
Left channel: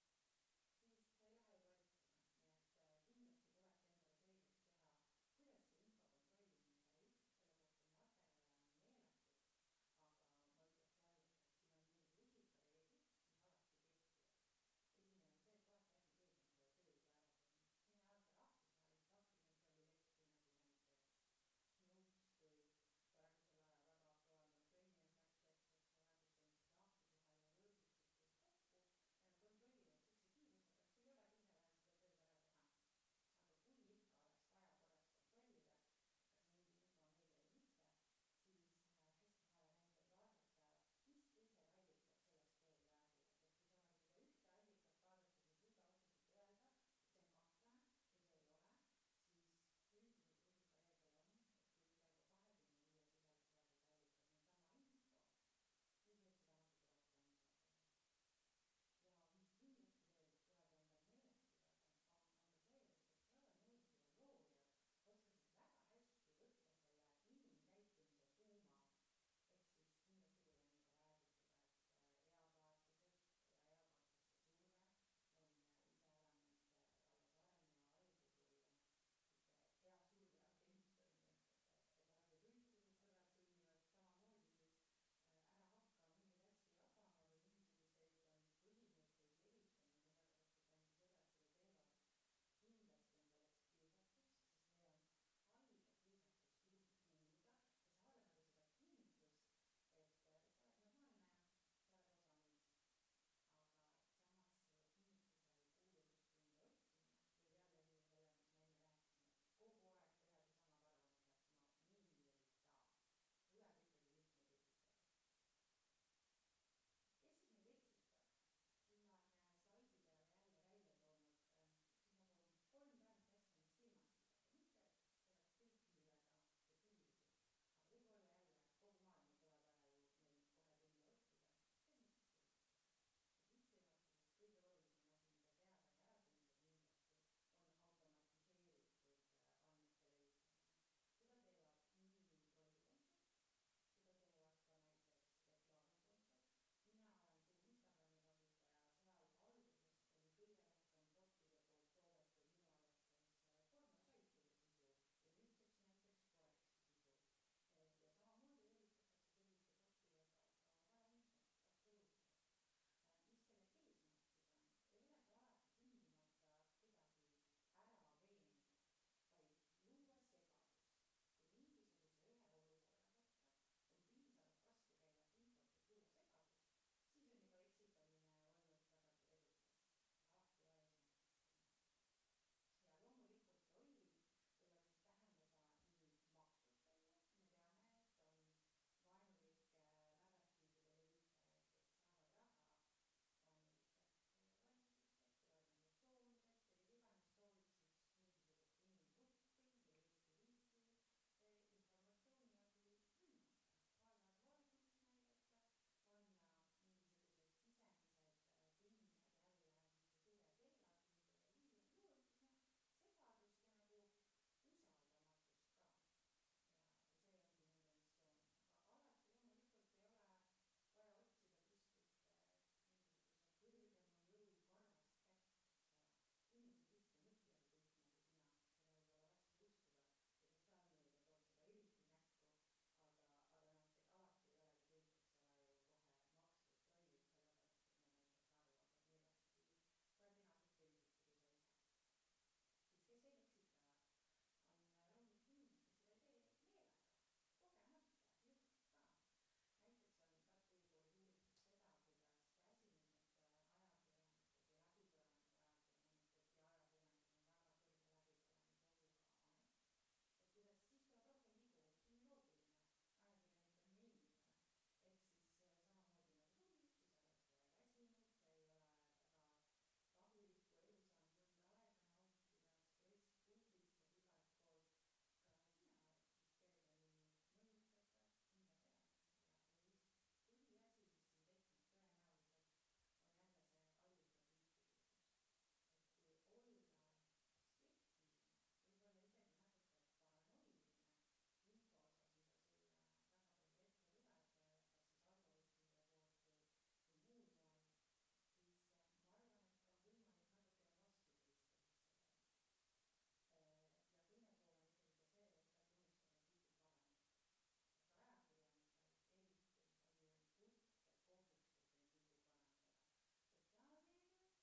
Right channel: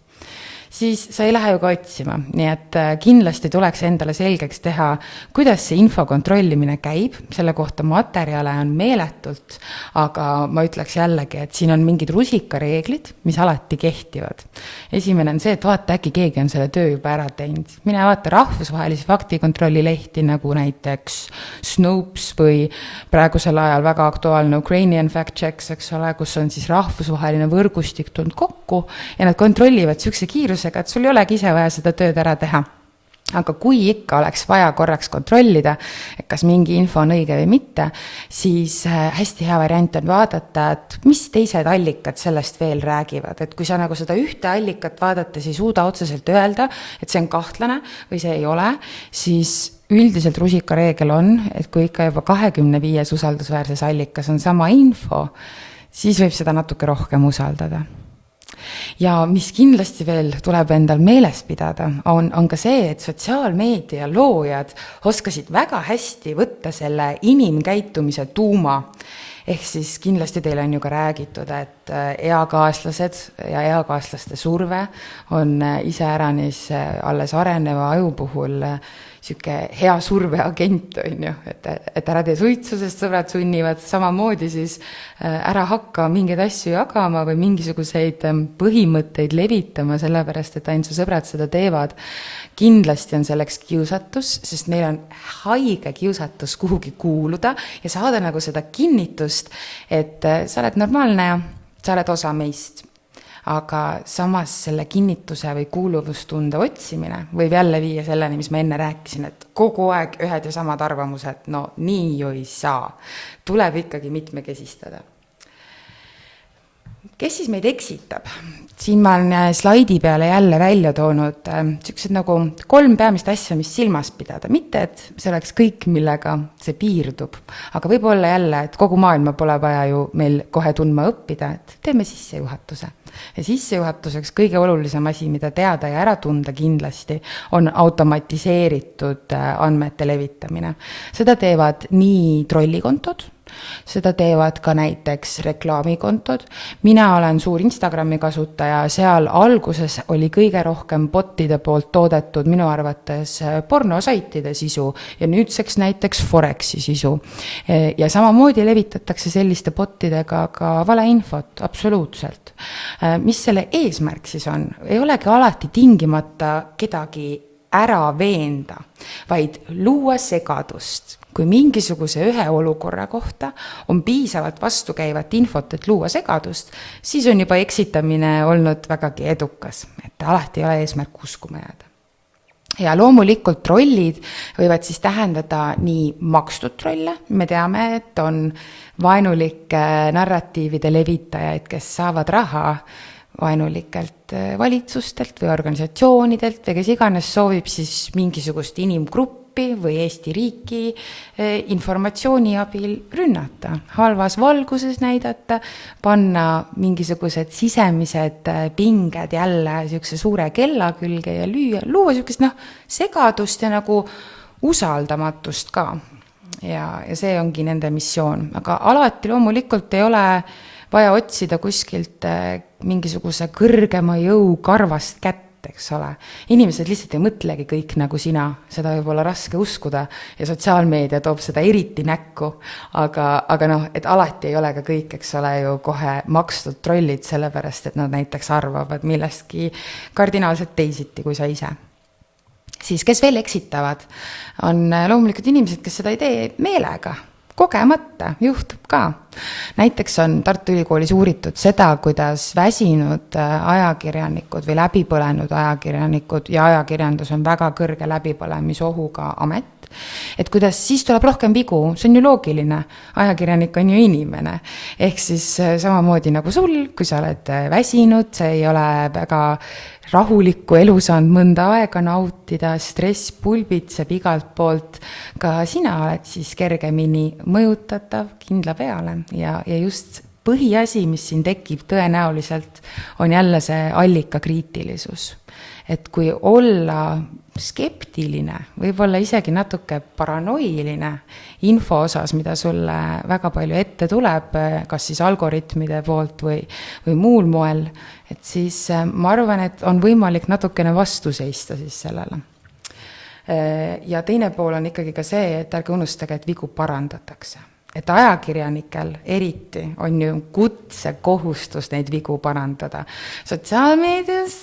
siis sa ei lähe ju ka otsima. Nii et kindlasti tuleks endale selgeks teha, kuidas see info kontrollimine käib, selle kohta materjale on meeletult, aga ma ütleks jällegi, et siin on mingid rusikareeglid, mis alati kehtivad. Esimene on see, et vaata, äkki keegi on selle töö juba ära teinud. Mine vaata rahvusvahelisi faktikontrolli lehti, nagu näiteks Snopes või praegusel ajal väga aktuaalne Ukrainian Fact Checks, eks ole, kus on siis rahvusvaheline võrgustik tulnud kokku ja nad kontrollivad sihukese kiirusega, et sul ei olegi ise vaja seda tööd ära teha. Aga kui ikka oleks vaja korraks kontrollida, et kas mingi info on õige või mitte, siis hästi hea variant on vaadata, et mis teised allikad sellest veel räägivad. Et kui sa nagu seda ühte allikat vaadates ei suuda otseselt öelda, et see on kahtlane või see ei ole, siis üldiselt rusikareegel on, et kui ikka juba 25 usaldusväärses allikas on sama info, siis võib seda natuke rohkem usaldada. Ja mis kindlasti veel tuleb endal meeles pidada, on ka see, et sotsiaalmeedia loojad oskasid väga hästi võtta selle inimkäitumise tuuma. Ehk siis kindlasti teile on ju ka räägitud, et eakaaslased ja eakaaslaste surve on iseäranis alles areneva aju puhul siuke hea surveagent, on ju, et ära tee suitsu, sest sõbrad sunnivad, samamoodi siis ära hakka mingeid asju jagama või mingisuguseid põhimõtteid levitama, sellepärast, et ainult su sõbrad seda teevad. Kindlasti on selleks kiusatus, sest meil on haige kiusatus kuhugi kuuluda ja saada nagu seda kinnitust, et sa oled normaalne ja sa oled osa meist. Aga samas selle kinnituse või kuuluvustunde otsimine võib jälle viia selleni, mis ma enne rääkisin, et kogu aeg ühed ja samad arvamused, no nii ju ei saa. Tuleb ikkagi mitmekesistada. Kes siis meid eksitab? Siin ma olen slaidi peale jälle välja toonud sellised nagu 3 peamist asja, mis silmas pidada. Mitte, et see oleks kõik, millega see piirdub. Aga võib-olla jälle, et kogu maailma pole vaja ju meil kohe tundma õppida, et teeme sissejuhatuse. Ja sissejuhatuseks kõige olulisem asi, mida teada ja ära tunda kindlasti, on automatiseeritud andmete levitamine. Seda teevad nii trollikontod, seda teevad ka näiteks reklaamikontod. Mina olen suur Instagrami kasutaja, seal alguses oli kõige rohkem botide poolt toodetud minu arvates pornosaitide sisu ja nüüdseks näiteks Forexi sisu. Ja samamoodi levitatakse selliste botidega ka valeinfot, absoluutselt. Mis selle eesmärk siis on? Ei olegi alati tingimata kedagi ära veenda, vaid luua segadust. Kui mingisuguse ühe olukorra kohta on piisavalt vastukäivat infot, et luua segadust, siis on juba eksitamine olnud vägagi edukas, et alati ei ole eesmärk uskuma jääda. Ja loomulikult trollid võivad siis tähendada nii makstud trolle, me teame, et on vaenulike narratiivide levitajaid, kes saavad raha vaenulikelt valitsustelt või organisatsioonidelt või kes iganes soovib siis mingisugust inimgruppi või Eesti riiki informatsiooni abil rünnata, halvas valguses näidata, panna mingisugused sisemised pinged jälle siukse suure kella külge ja luua siukest segadust ja nagu usaldamatust ka. Ja see ongi nende missioon, aga alati loomulikult ei ole vaja otsida kuskilt mingisuguse kõrgema jõu karvast kätt, eks ole. Inimesed lihtsalt ei mõtlegi kõik nagu sina, seda võib olla raske uskuda ja sotsiaalmeedia toob seda eriti näkku, aga et alati ei ole ka kõik, eks ole, ju kohe makstud trollid, sellepärast, et nad näiteks arvavad millestki kardinaalselt teisiti kui sa ise. Siis kes veel eksitavad, on loomulikult inimesed, kes seda ei tee meelega. Kogemata, juhtub ka. Näiteks on Tartu Ülikoolis uuritud seda, kuidas väsinud ajakirjanikud või läbipõlenud ajakirjanikud ja ajakirjandus on väga kõrge läbipõlemisohuga amet, et kuidas siis tuleb rohkem vigu, see on ju loogiline, ajakirjanik on ju inimene. Ehk siis samamoodi nagu sul, kui sa oled väsinud, see ei ole väga rahulikku elu saanud mõnda aega nautida, stress pulbitseb igalt poolt, ka sina oled siis kergemini mõjutatav kindla peale ja just põhiasi, mis siin tekib tõenäoliselt, on jälle see allikakriitilisus. Et kui olla skeptiline, võib-olla isegi natuke paranoiline info osas, mida sulle väga palju ette tuleb, kas siis algoritmide poolt või muul moel, et siis ma arvan, et on võimalik natukene vastu seista siis sellele. Ja teine pool on ikkagi ka see, et ärge unustage, et vigu parandatakse. Et ajakirjanikel eriti on ju kutsekohustus neid vigu parandada. Sotsiaalmeedias,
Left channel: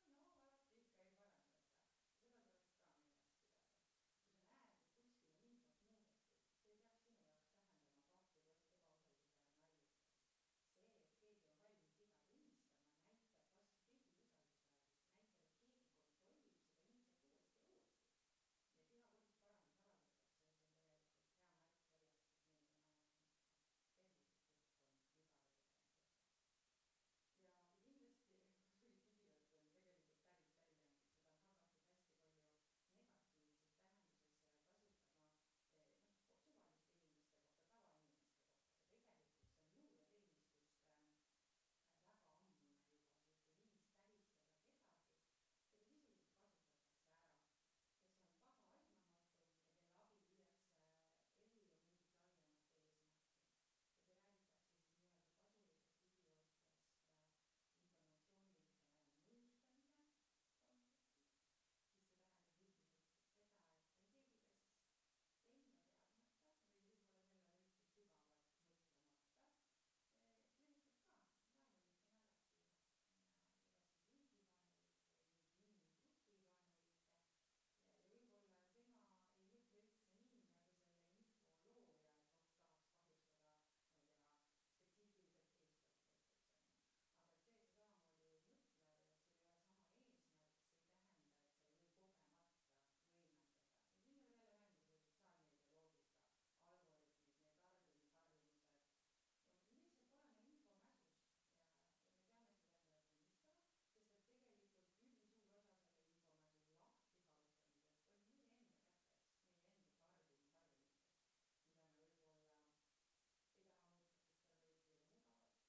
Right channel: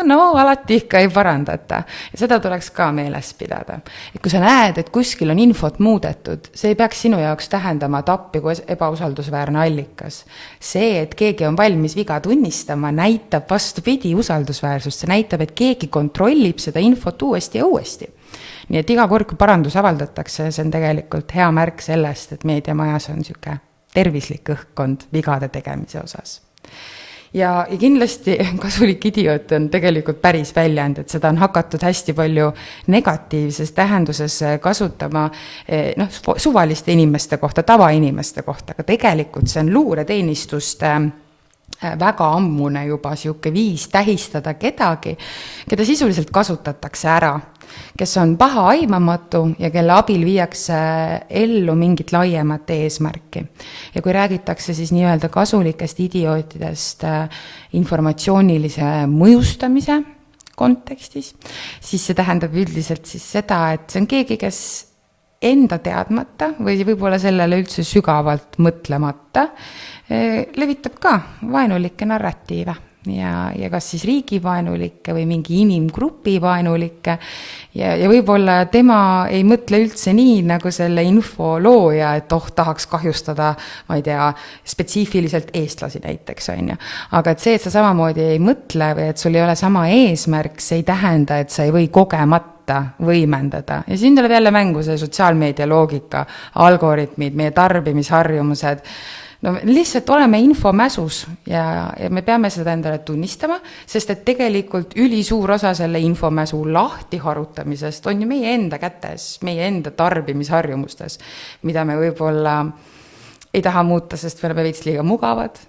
alati ikka ei parandata. Ja seda tuleks ka meeles pidada. Et kui sa näed, et kuskil on infot muudetud, see ei peaks sinu jaoks tähendama tappi kui ebausaldusväärne allikas. See, et keegi on valmis viga tunnistama, näitab vastupidi usaldusväärsust. See näitab, et keegi kontrollib seda infot uuesti ja uuesti. Nii et iga kord, kui parandus avaldatakse, see on tegelikult hea märk sellest, et meediamajas on niisugune tervislik õhkkond vigade tegemise osas. Ja kindlasti kasulik idioot on tegelikult päris väljend, et seda on hakatud hästi palju negatiivses tähenduses kasutama suvaliste inimeste kohta, tavainimeste kohta, aga tegelikult see on luureteenistuste väga ammune juba siuke viis tähistada kedagi, keda sisuliselt kasutatakse ära, kes on paha aimamatu ja kelle abil viiakse ellu mingit laiemat eesmärki. Ja kui räägitakse siis nii-öelda kasulikest idiootidest informatsioonilise mõjustamise kontekstis, siis see tähendab üldiselt siis seda, et see on keegi, kes enda teadmata või võib-olla sellele üldse sügavalt mõtlemata levitab ka vaenulikke narratiive ja kas siis riigivaenulikke või mingi inimgrupi vaenulikke ja võib-olla tema ei mõtle üldse nii, nagu selle info looja, et tahaks kahjustada, ma ei tea, spetsiifiliselt eestlasi näiteks, on ju. Aga et see, et sa samamoodi ei mõtle või et sul ei ole sama eesmärk, see ei tähenda, et sa ei või kogemata võimendada. Ja siin tuleb jälle mängu see sotsiaalmeedia loogika, algoritmid, meie tarbimisharjumused. No lihtsalt oleme infomäsus ja me peame seda endale tunnistama, sest et tegelikult ülisuur osa selle infomäsu lahti harutamisest on ju meie enda kätes, meie enda tarbimisharjumustes, mida me võib-olla ei taha muuta, sest me oleme veits liiga mugavad.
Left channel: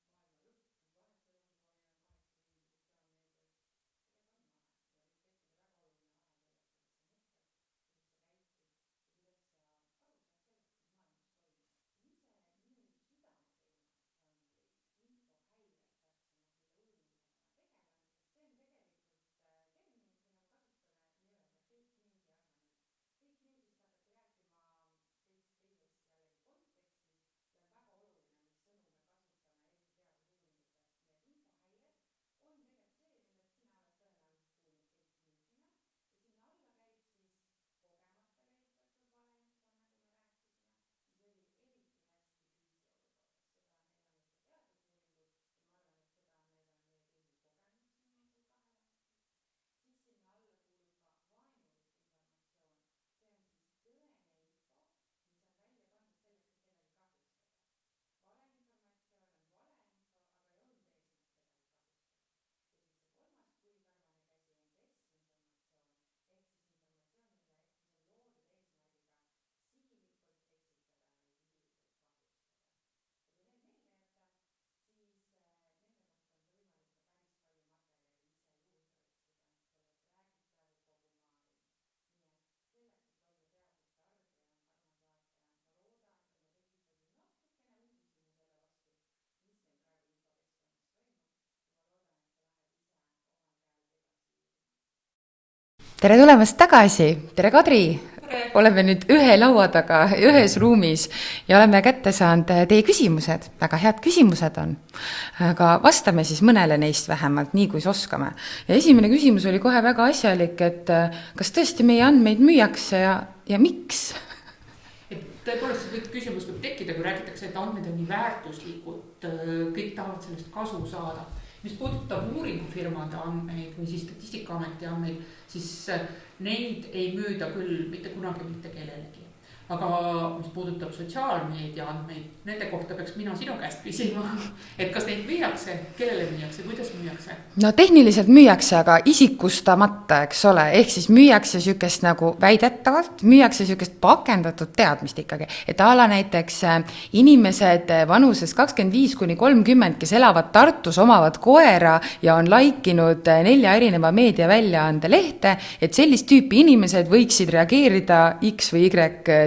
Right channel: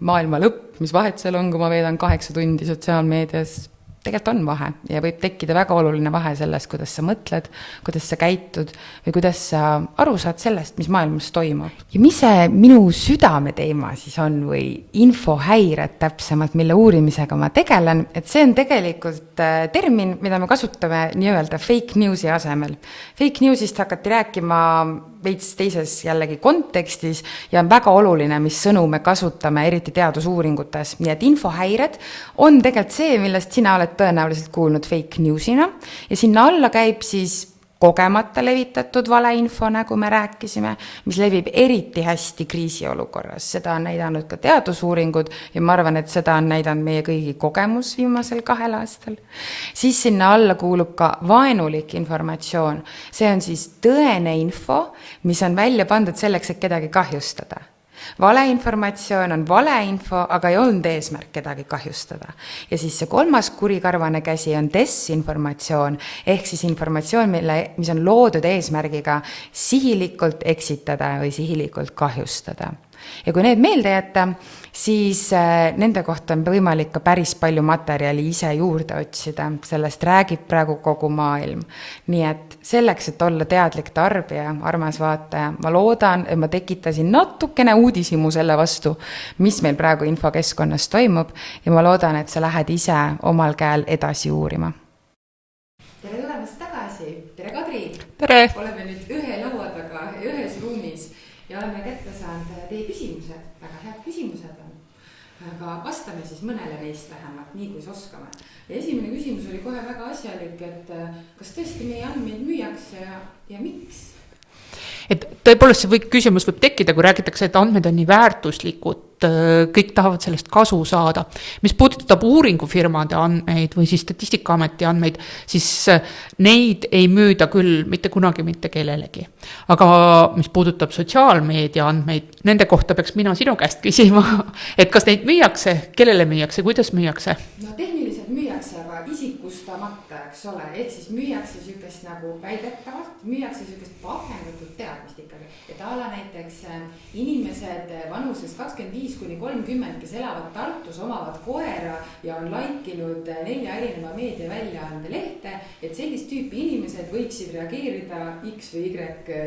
Maailma lõpp, mis vahet seal on, kui ma veedan 8 tundi sotsiaalmeedias, tegelikult on vahe ja võib tekkida väga oluline vahe sellest, kuidas sa mõtled, kuidas sa käitud või kuidas sa aru saad sellest, mis maailmas toimub. Ja mis see minu südame teema siis on või infohäired täpsemalt, mille uurimisega ma tegelen, et see on tegelikult termin, mida me kasutame nii-öelda fake newsi asemel. Fake newsist hakati rääkima veits teises jällegi kontekstis ja on väga oluline, mis sõnu me kasutame, eriti teadusuuringutes. Nii et infohäired on tegelikult see, millest sina oled tõenäoliselt kuulnud fake newsina ja sinna alla käib siis kogemata levitatud valeinfo, nagu me rääkisime, mis levib eriti hästi kriisiolukorras. Seda on näidanud ka teadusuuringud ja ma arvan, et seda on näidanud meie kõigi kogemus viimasel 2 aastal. Siis sinna alla kuulub ka vaenulik informatsioon. See on siis tõene info, mis on välja pandud selleks, et kedagi kahjustada. Valeinformatsioon on valeinfo, aga ei olnud eesmärk kedagi kahjustada. Ja siis see 3. kurikarvane käsi on desinformatsioon, ehk siis informatsioon, mis on loodud eesmärgiga sihilikult eksitada või sihilikult kahjustada. Ja kui need meelde jätta, siis nende kohta on võimalik ka päris palju materjali ise juurde otsida. Sellest räägib praegu kogu maailm. Nii et selleks, et olla teadlik tarbija, armas vaataja, ma loodan, et ma tekitasin natukene uudishimu selle vastu, mis meil praegu infokeskkonnas toimub ja ma loodan, et sa lähed ise omal käel edasi uurima. Tere tulemast tagasi! Tere Kadri! Tere! Oleme nüüd ühe laua taga, ühes ruumis ja oleme kätte saanud teie küsimused. Väga head küsimused on. Aga vastame siis mõnele neist vähemalt, nii kui oskame. Ja esimene küsimus oli kohe väga asjalik, et kas tõesti meie andmeid müüakse ja miks? Et tõepoolest see küsimus võib tekkida, kui räägitakse, et andmed on nii väärtuslikud, kõik tahavad sellest kasu saada. Mis puudutab uuringufirmade andmeid või siis Statistikaameti andmeid, siis neid ei müüda küll mitte kunagi mitte kellelegi. Aga mis puudutab sotsiaalmeedia andmeid, nende kohta peaks mina sinu käest küsima, et kas neid müüakse, kellele müüakse, kuidas müüakse? No tehniliselt müüakse, aga isikustamata, eks ole, ehk siis müüakse sükest nagu väidetavalt, müüakse sükest pakendatud teadmist ikkagi. ikkagi, et a la näiteks inimesed vanuses 25–30, kes elavad Tartus, omavad koera ja on laikinud 4 erineva meediaväljaande lehte, et sellist tüüpi inimesed võiksid reageerida X või Y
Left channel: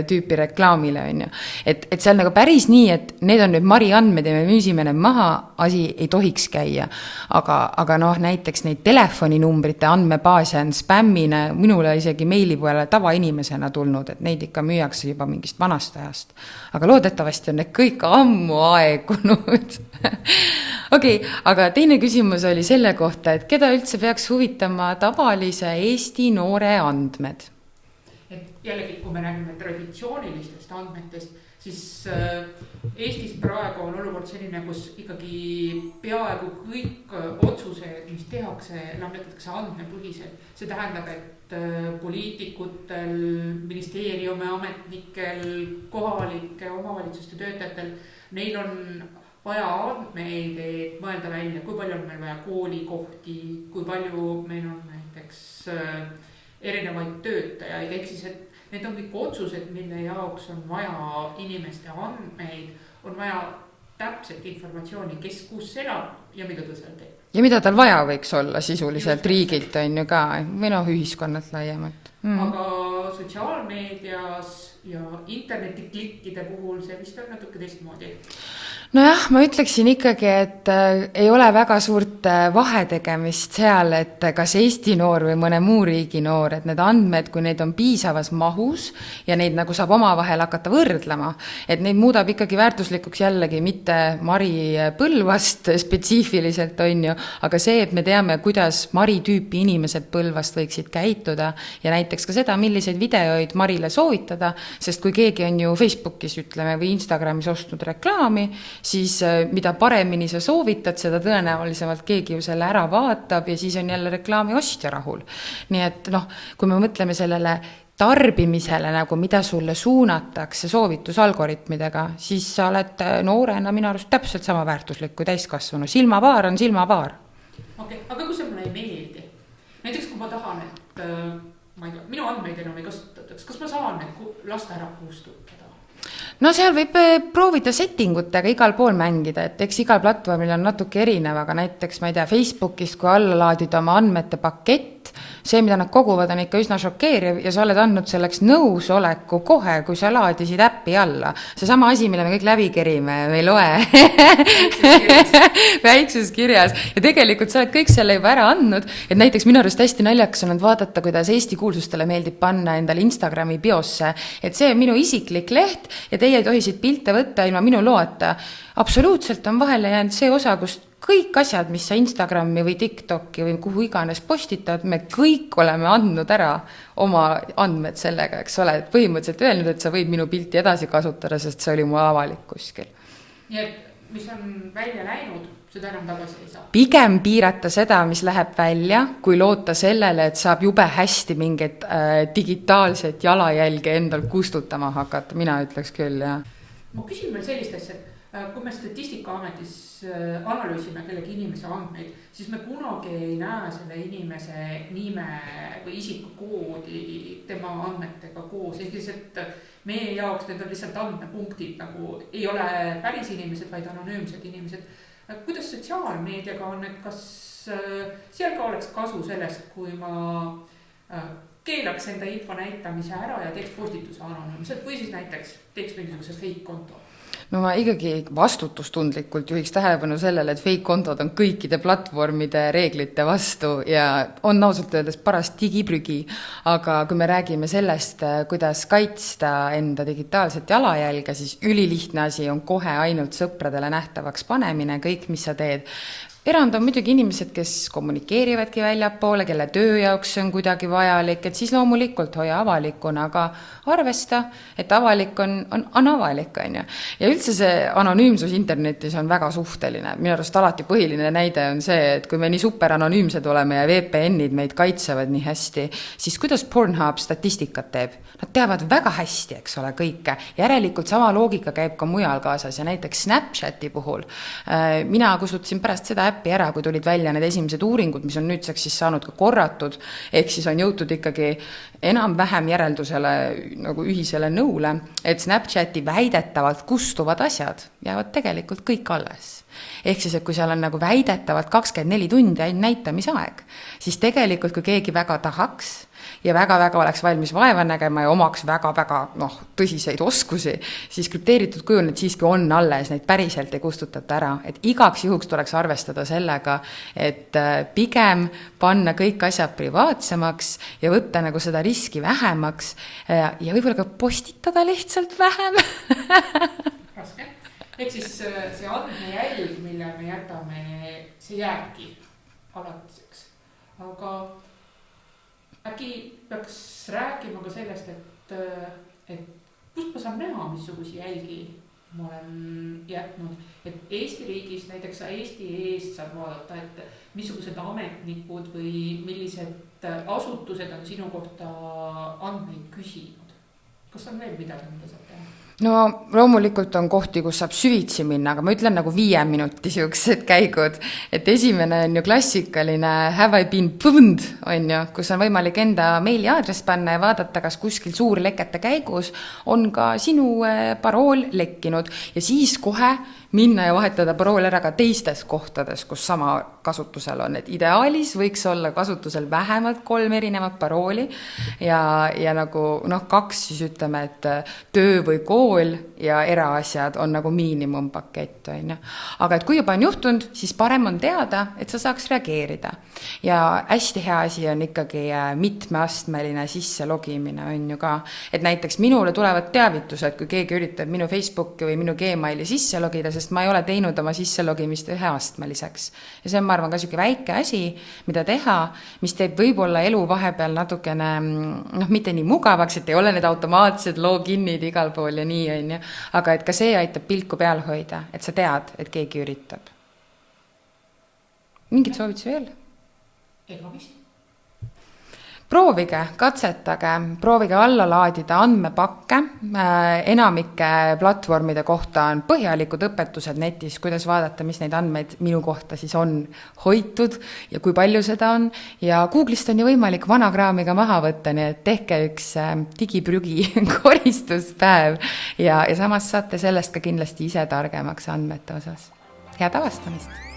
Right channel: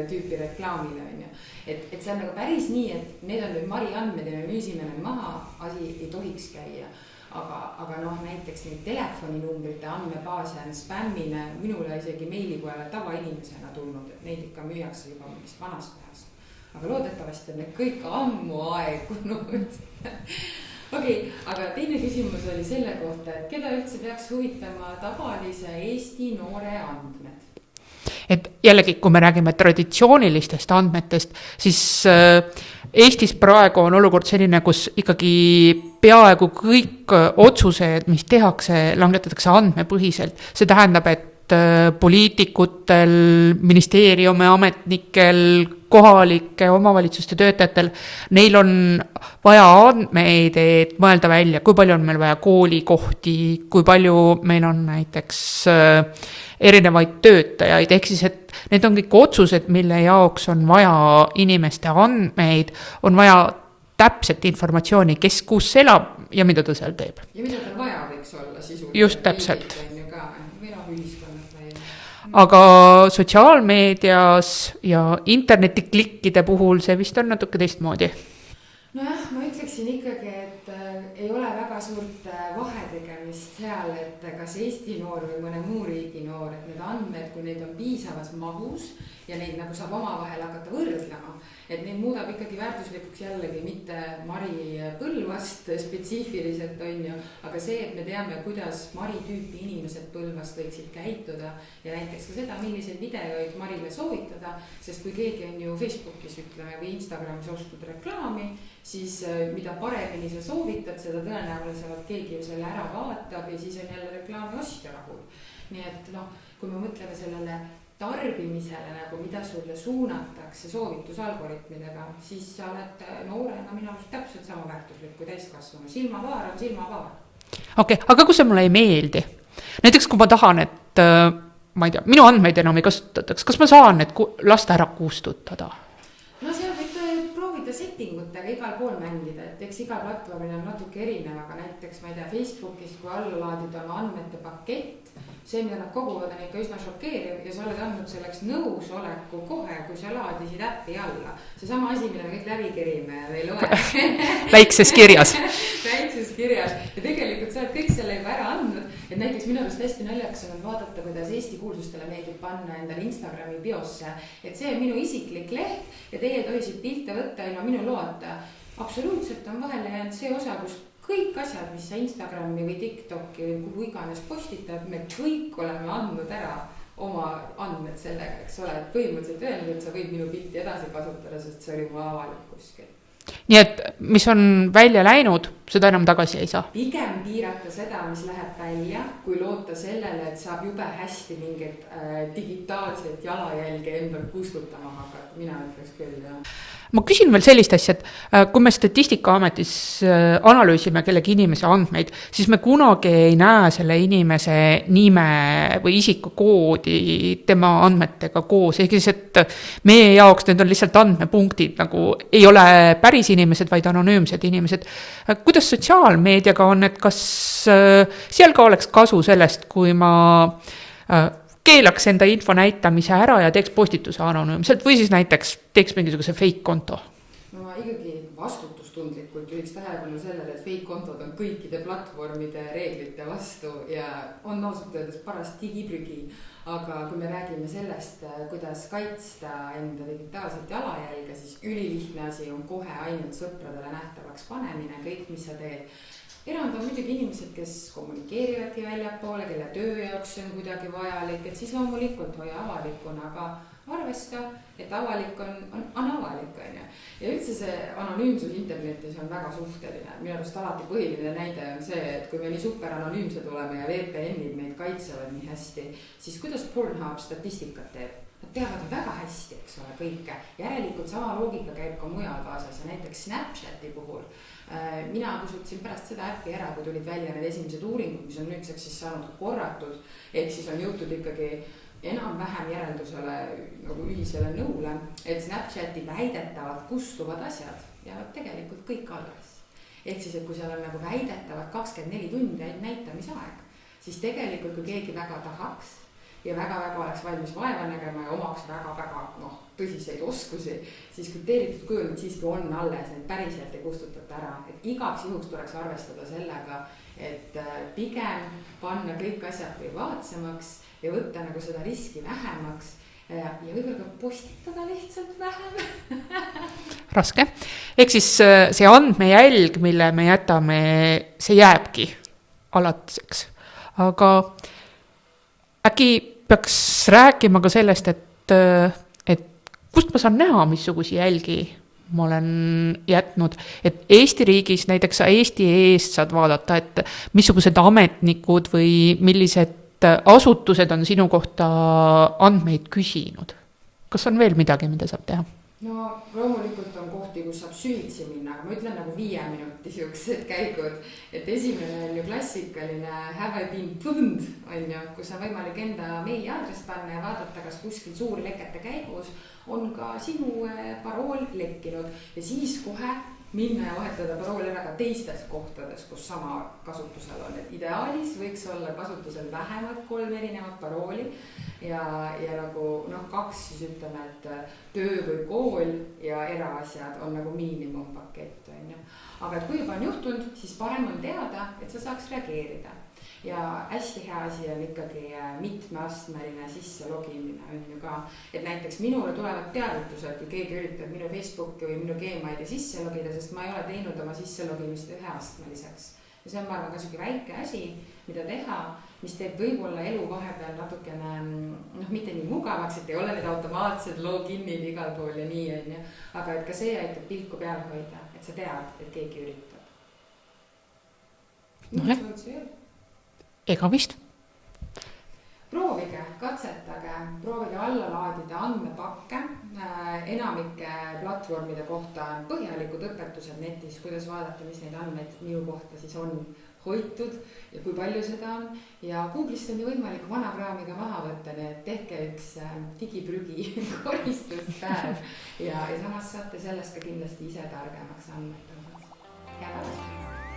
tüüpi reklaamile, on ju. Et see on nagu päris nii, et need on nüüd Mari andmed ja me müüsime need maha, asi ei tohiks käia. Aga noh, näiteks neid telefoninumbrite andmebaase on spämmine minule isegi meili peale tavainimesena tulnud, et neid ikka müüakse juba mingist vanast ajast. Aga loodetavasti on need kõik ammu aegunud. Okei, aga teine küsimus oli selle kohta, et keda üldse peaks huvitama tavalise Eesti noore andmed? Et jällegi, kui me räägime traditsioonilistest andmetest, siis Eestis praegu on olukord selline, kus ikkagi peaaegu kõik otsused, mis tehakse, langetatakse andmepõhiselt. See tähendab, et poliitikutel, ministeeriumi ametnikel, kohalike omavalitsuste töötajatel, neil on vaja andmeid, et mõelda välja, kui palju on meil vaja koolikohti, kui palju meil on näiteks erinevaid töötajaid, ehk siis, et need on kõik otsused, mille jaoks on vaja inimeste andmeid, on vaja täpset informatsiooni, kes kus elab ja mida ta seal teeb. Ja mida tal vaja võiks olla sisuliselt riigilt on ju ka, või noh, ühiskonnalt laiemalt. Aga sotsiaalmeedias ja internetiklikkide puhul see vist on natuke teistmoodi. Nojah, ma ütleksin ikkagi, et ei ole väga suurt vahetegemist seal, et kas Eesti noor või mõne muu riigi noor, et need andmed, kui neid on piisavas mahus ja neid nagu saab omavahel hakata võrdlema, et neid muudab ikkagi väärtuslikuks jällegi mitte Mari Põlvast spetsiifiliselt on ju, aga see, et me teame, kuidas Mari tüüpi inimesed Põlvast võiksid käituda ja näiteks ka seda, milliseid videoid Marile soovitada, sest kui keegi on ju Facebookis ütleme või Instagramis ostnud reklaami, siis mida paremini sa soovitad, seda tõenäolisemalt keegi ju selle ära vaatab ja siis on jälle reklaami ostja rahul. Nii et noh, kui me mõtleme sellele tarbimisele, nagu mida sulle suunatakse soovitusalgoritmidega, siis sa oled noorena minu arust täpselt sama väärtuslik kui täiskasvanu. Silmapaar on silmapaar. Okei, aga kui see mulle ei meeldi? Näiteks kui ma tahan, et ma ei tea, minu andmeid enam ei kasutataks, kas ma saan need lasta ära kustutada? No seal võib proovida settingutega igal pool mängida, et eks igal platvormil on natuke erinev, aga näiteks, ma ei tea, Facebookist, kui alla laadida oma andmete pakett, see, mida nad koguvad, on ikka üsna šokeeriv ja sa oled andnud selleks nõusoleku kohe, kui sa laadisid äppi alla. See sama asi, mille me kõik läbi kerime, me ei loe. Väikses kirjas. Väikses kirjas. Ja tegelikult sa oled kõik selle juba ära andnud, et näiteks minu arust hästi naljakas on vaadata, kuidas Eesti kuulsustele meeldib panna endale Instagrami biosse, et see on minu isiklik leht ja teie tohisid pilte võtta ilma minu loeta. Absoluutselt on vahele jäänud see osa, kus kõik asjad, mis sa Instagrami või TikToki või kuhu iganes postitad, me kõik oleme andnud ära oma andmed sellega, eks ole, põhimõtteliselt öelnud, et sa võid minu pilti edasi kasutada, sest see oli mu avalik kuskil. Nii et mis on välja läinud, seda enam tagasi ei saa. Pigem piirata seda, mis läheb välja, kui loota sellele, et saab jube hästi mingit digitaalset jalajälge endal kustutama hakata, mina ütleks küll, jah. Ma küsin veel sellist asja, et kui me Statistikaametis analüüsime kellegi inimese andmeid, siis me kunagi ei näe selle inimese nime või isikukoodi tema andmetega koos. Ehk siis, et meie jaoks need on lihtsalt andmepunktid, nagu ei ole päris inimesed, vaid anonüümsed inimesed. Kuidas sotsiaalmeediaga on, et kas seal ka oleks kasu sellest, kui ma keelaks enda info näitamise ära ja teeks postituse anonüümselt või siis näiteks teeks mingisuguse fake konto? No ma ikkagi vastutustundlikult juhiks tähelepanu sellele, et fake kontod on kõikide platvormide reeglite vastu ja on ausalt öeldes paras digiprügi. Aga kui me räägime sellest, kuidas kaitsta enda digitaalset jalajälge, siis ülilihtne asi on kohe ainult sõpradele nähtavaks panemine, kõik, mis sa teed. Erand on muidugi inimesed, kes kommunikeerivadki väljapoole, kelle töö jaoks on kuidagi vajalik, et siis loomulikult hoia avalikuna, aga arvesta, et avalik on avalik, on ju. Ja üldse see anonüümsus internetis on väga suhteline. Minu arust alati põhiline näide on see, et kui me nii super anonüümsed oleme ja VPN-id meid kaitsevad nii hästi, siis kuidas Pornhub statistikat teeb? nad teavad väga hästi, eks ole, kõike. Järelikult sama loogika käib ka mujal kaasas ja näiteks Snapchati puhul. Mina kustutasin pärast seda äppi ära, kui tulid välja need esimesed uuringud, mis on nüüdseks siis saanud ka korratud, ehk siis on jõutud ikkagi enam-vähem järeldusele nagu ühisele nõule, et Snapchati väidetavalt kustuvad asjad jäävad tegelikult kõik alles. Ehk siis, et kui seal on nagu väidetavalt 24 tundi näitamisaeg, siis tegelikult kui keegi väga tahaks ja väga-väga oleks valmis vaeva nägema ja omaks väga-väga tõsiseid oskusi, siis krüpteeritud kujul need siiski on alles, neid päriselt ei kustutata ära. Et igaks juhuks tuleks arvestada sellega, et pigem panna kõik asjad privaatsemaks ja võtta nagu seda riski vähemaks ja võib-olla ka postitada lihtsalt vähem. Raske. Ehk siis see andmejälg, mille me jätame, see jääbki alatiseks. Aga äkki peaks rääkima ka sellest, et kust ma saan näha, missugusi jälgi ma olen jätnud, et Eesti riigis näiteks Eesti eest saad vaadata, et missugused ametnikud või millised asutused on sinu kohta andmeid küsinud. Kas on veel midagi, mida saab teha? No loomulikult on kohti, kus saab süvitsi minna, aga ma ütlen nagu 5 minuti siuksed käigud, et esimene on ju klassikaline have I been pwned, on ju, kus on võimalik enda meili aadress panna ja vaadata, kas kuskil suurlekete käigus on ka sinu parool lekkinud ja siis kohe minna ja vahetada parool ära ka teistes kohtades, kus sama kasutusel on. Et ideaalis võiks olla kasutusel vähemalt 3 erinevat parooli ja nagu 2 siis ütleme, et töö või kool ja eraasjad on nagu miinimumpakett. Aga et kui juba on juhtunud, siis parem on teada, et sa saaks reageerida. Ja hästi hea asi on ikkagi mitmeastmeline sisse logimine on ju ka. Et näiteks minule tulevad teavitused, kui keegi üritab minu Facebooki või minu Gmaili sisse logida, sest ma ei ole teinud oma sisselogimist üheastmeliseks. Ja see on, ma arvan, ka siuke väike asi, mida teha, mis teeb võib-olla elu vahepeal natukene, mitte nii mugavaks, et ei ole need automaatsed loginid igal pool ja nii on ju. Aga et ka see aitab pilku peal hoida, et sa tead, et keegi üritab. Mingid soovitusi veel? Ega vist. Proovige, katsetage, proovige alla laadida andmepakke. Enamike platvormide kohta on põhjalikud õpetused netis, kuidas vaadata, mis neid andmeid minu kohta siis on hoitud ja kui palju seda on. Ja Google'ist on ju võimalik vanakraamiga maha võtta, nii et tehke üks digiprügi koristuspäev ja samas saate sellest ka kindlasti ise targemaks andmete osas. Head avastamist!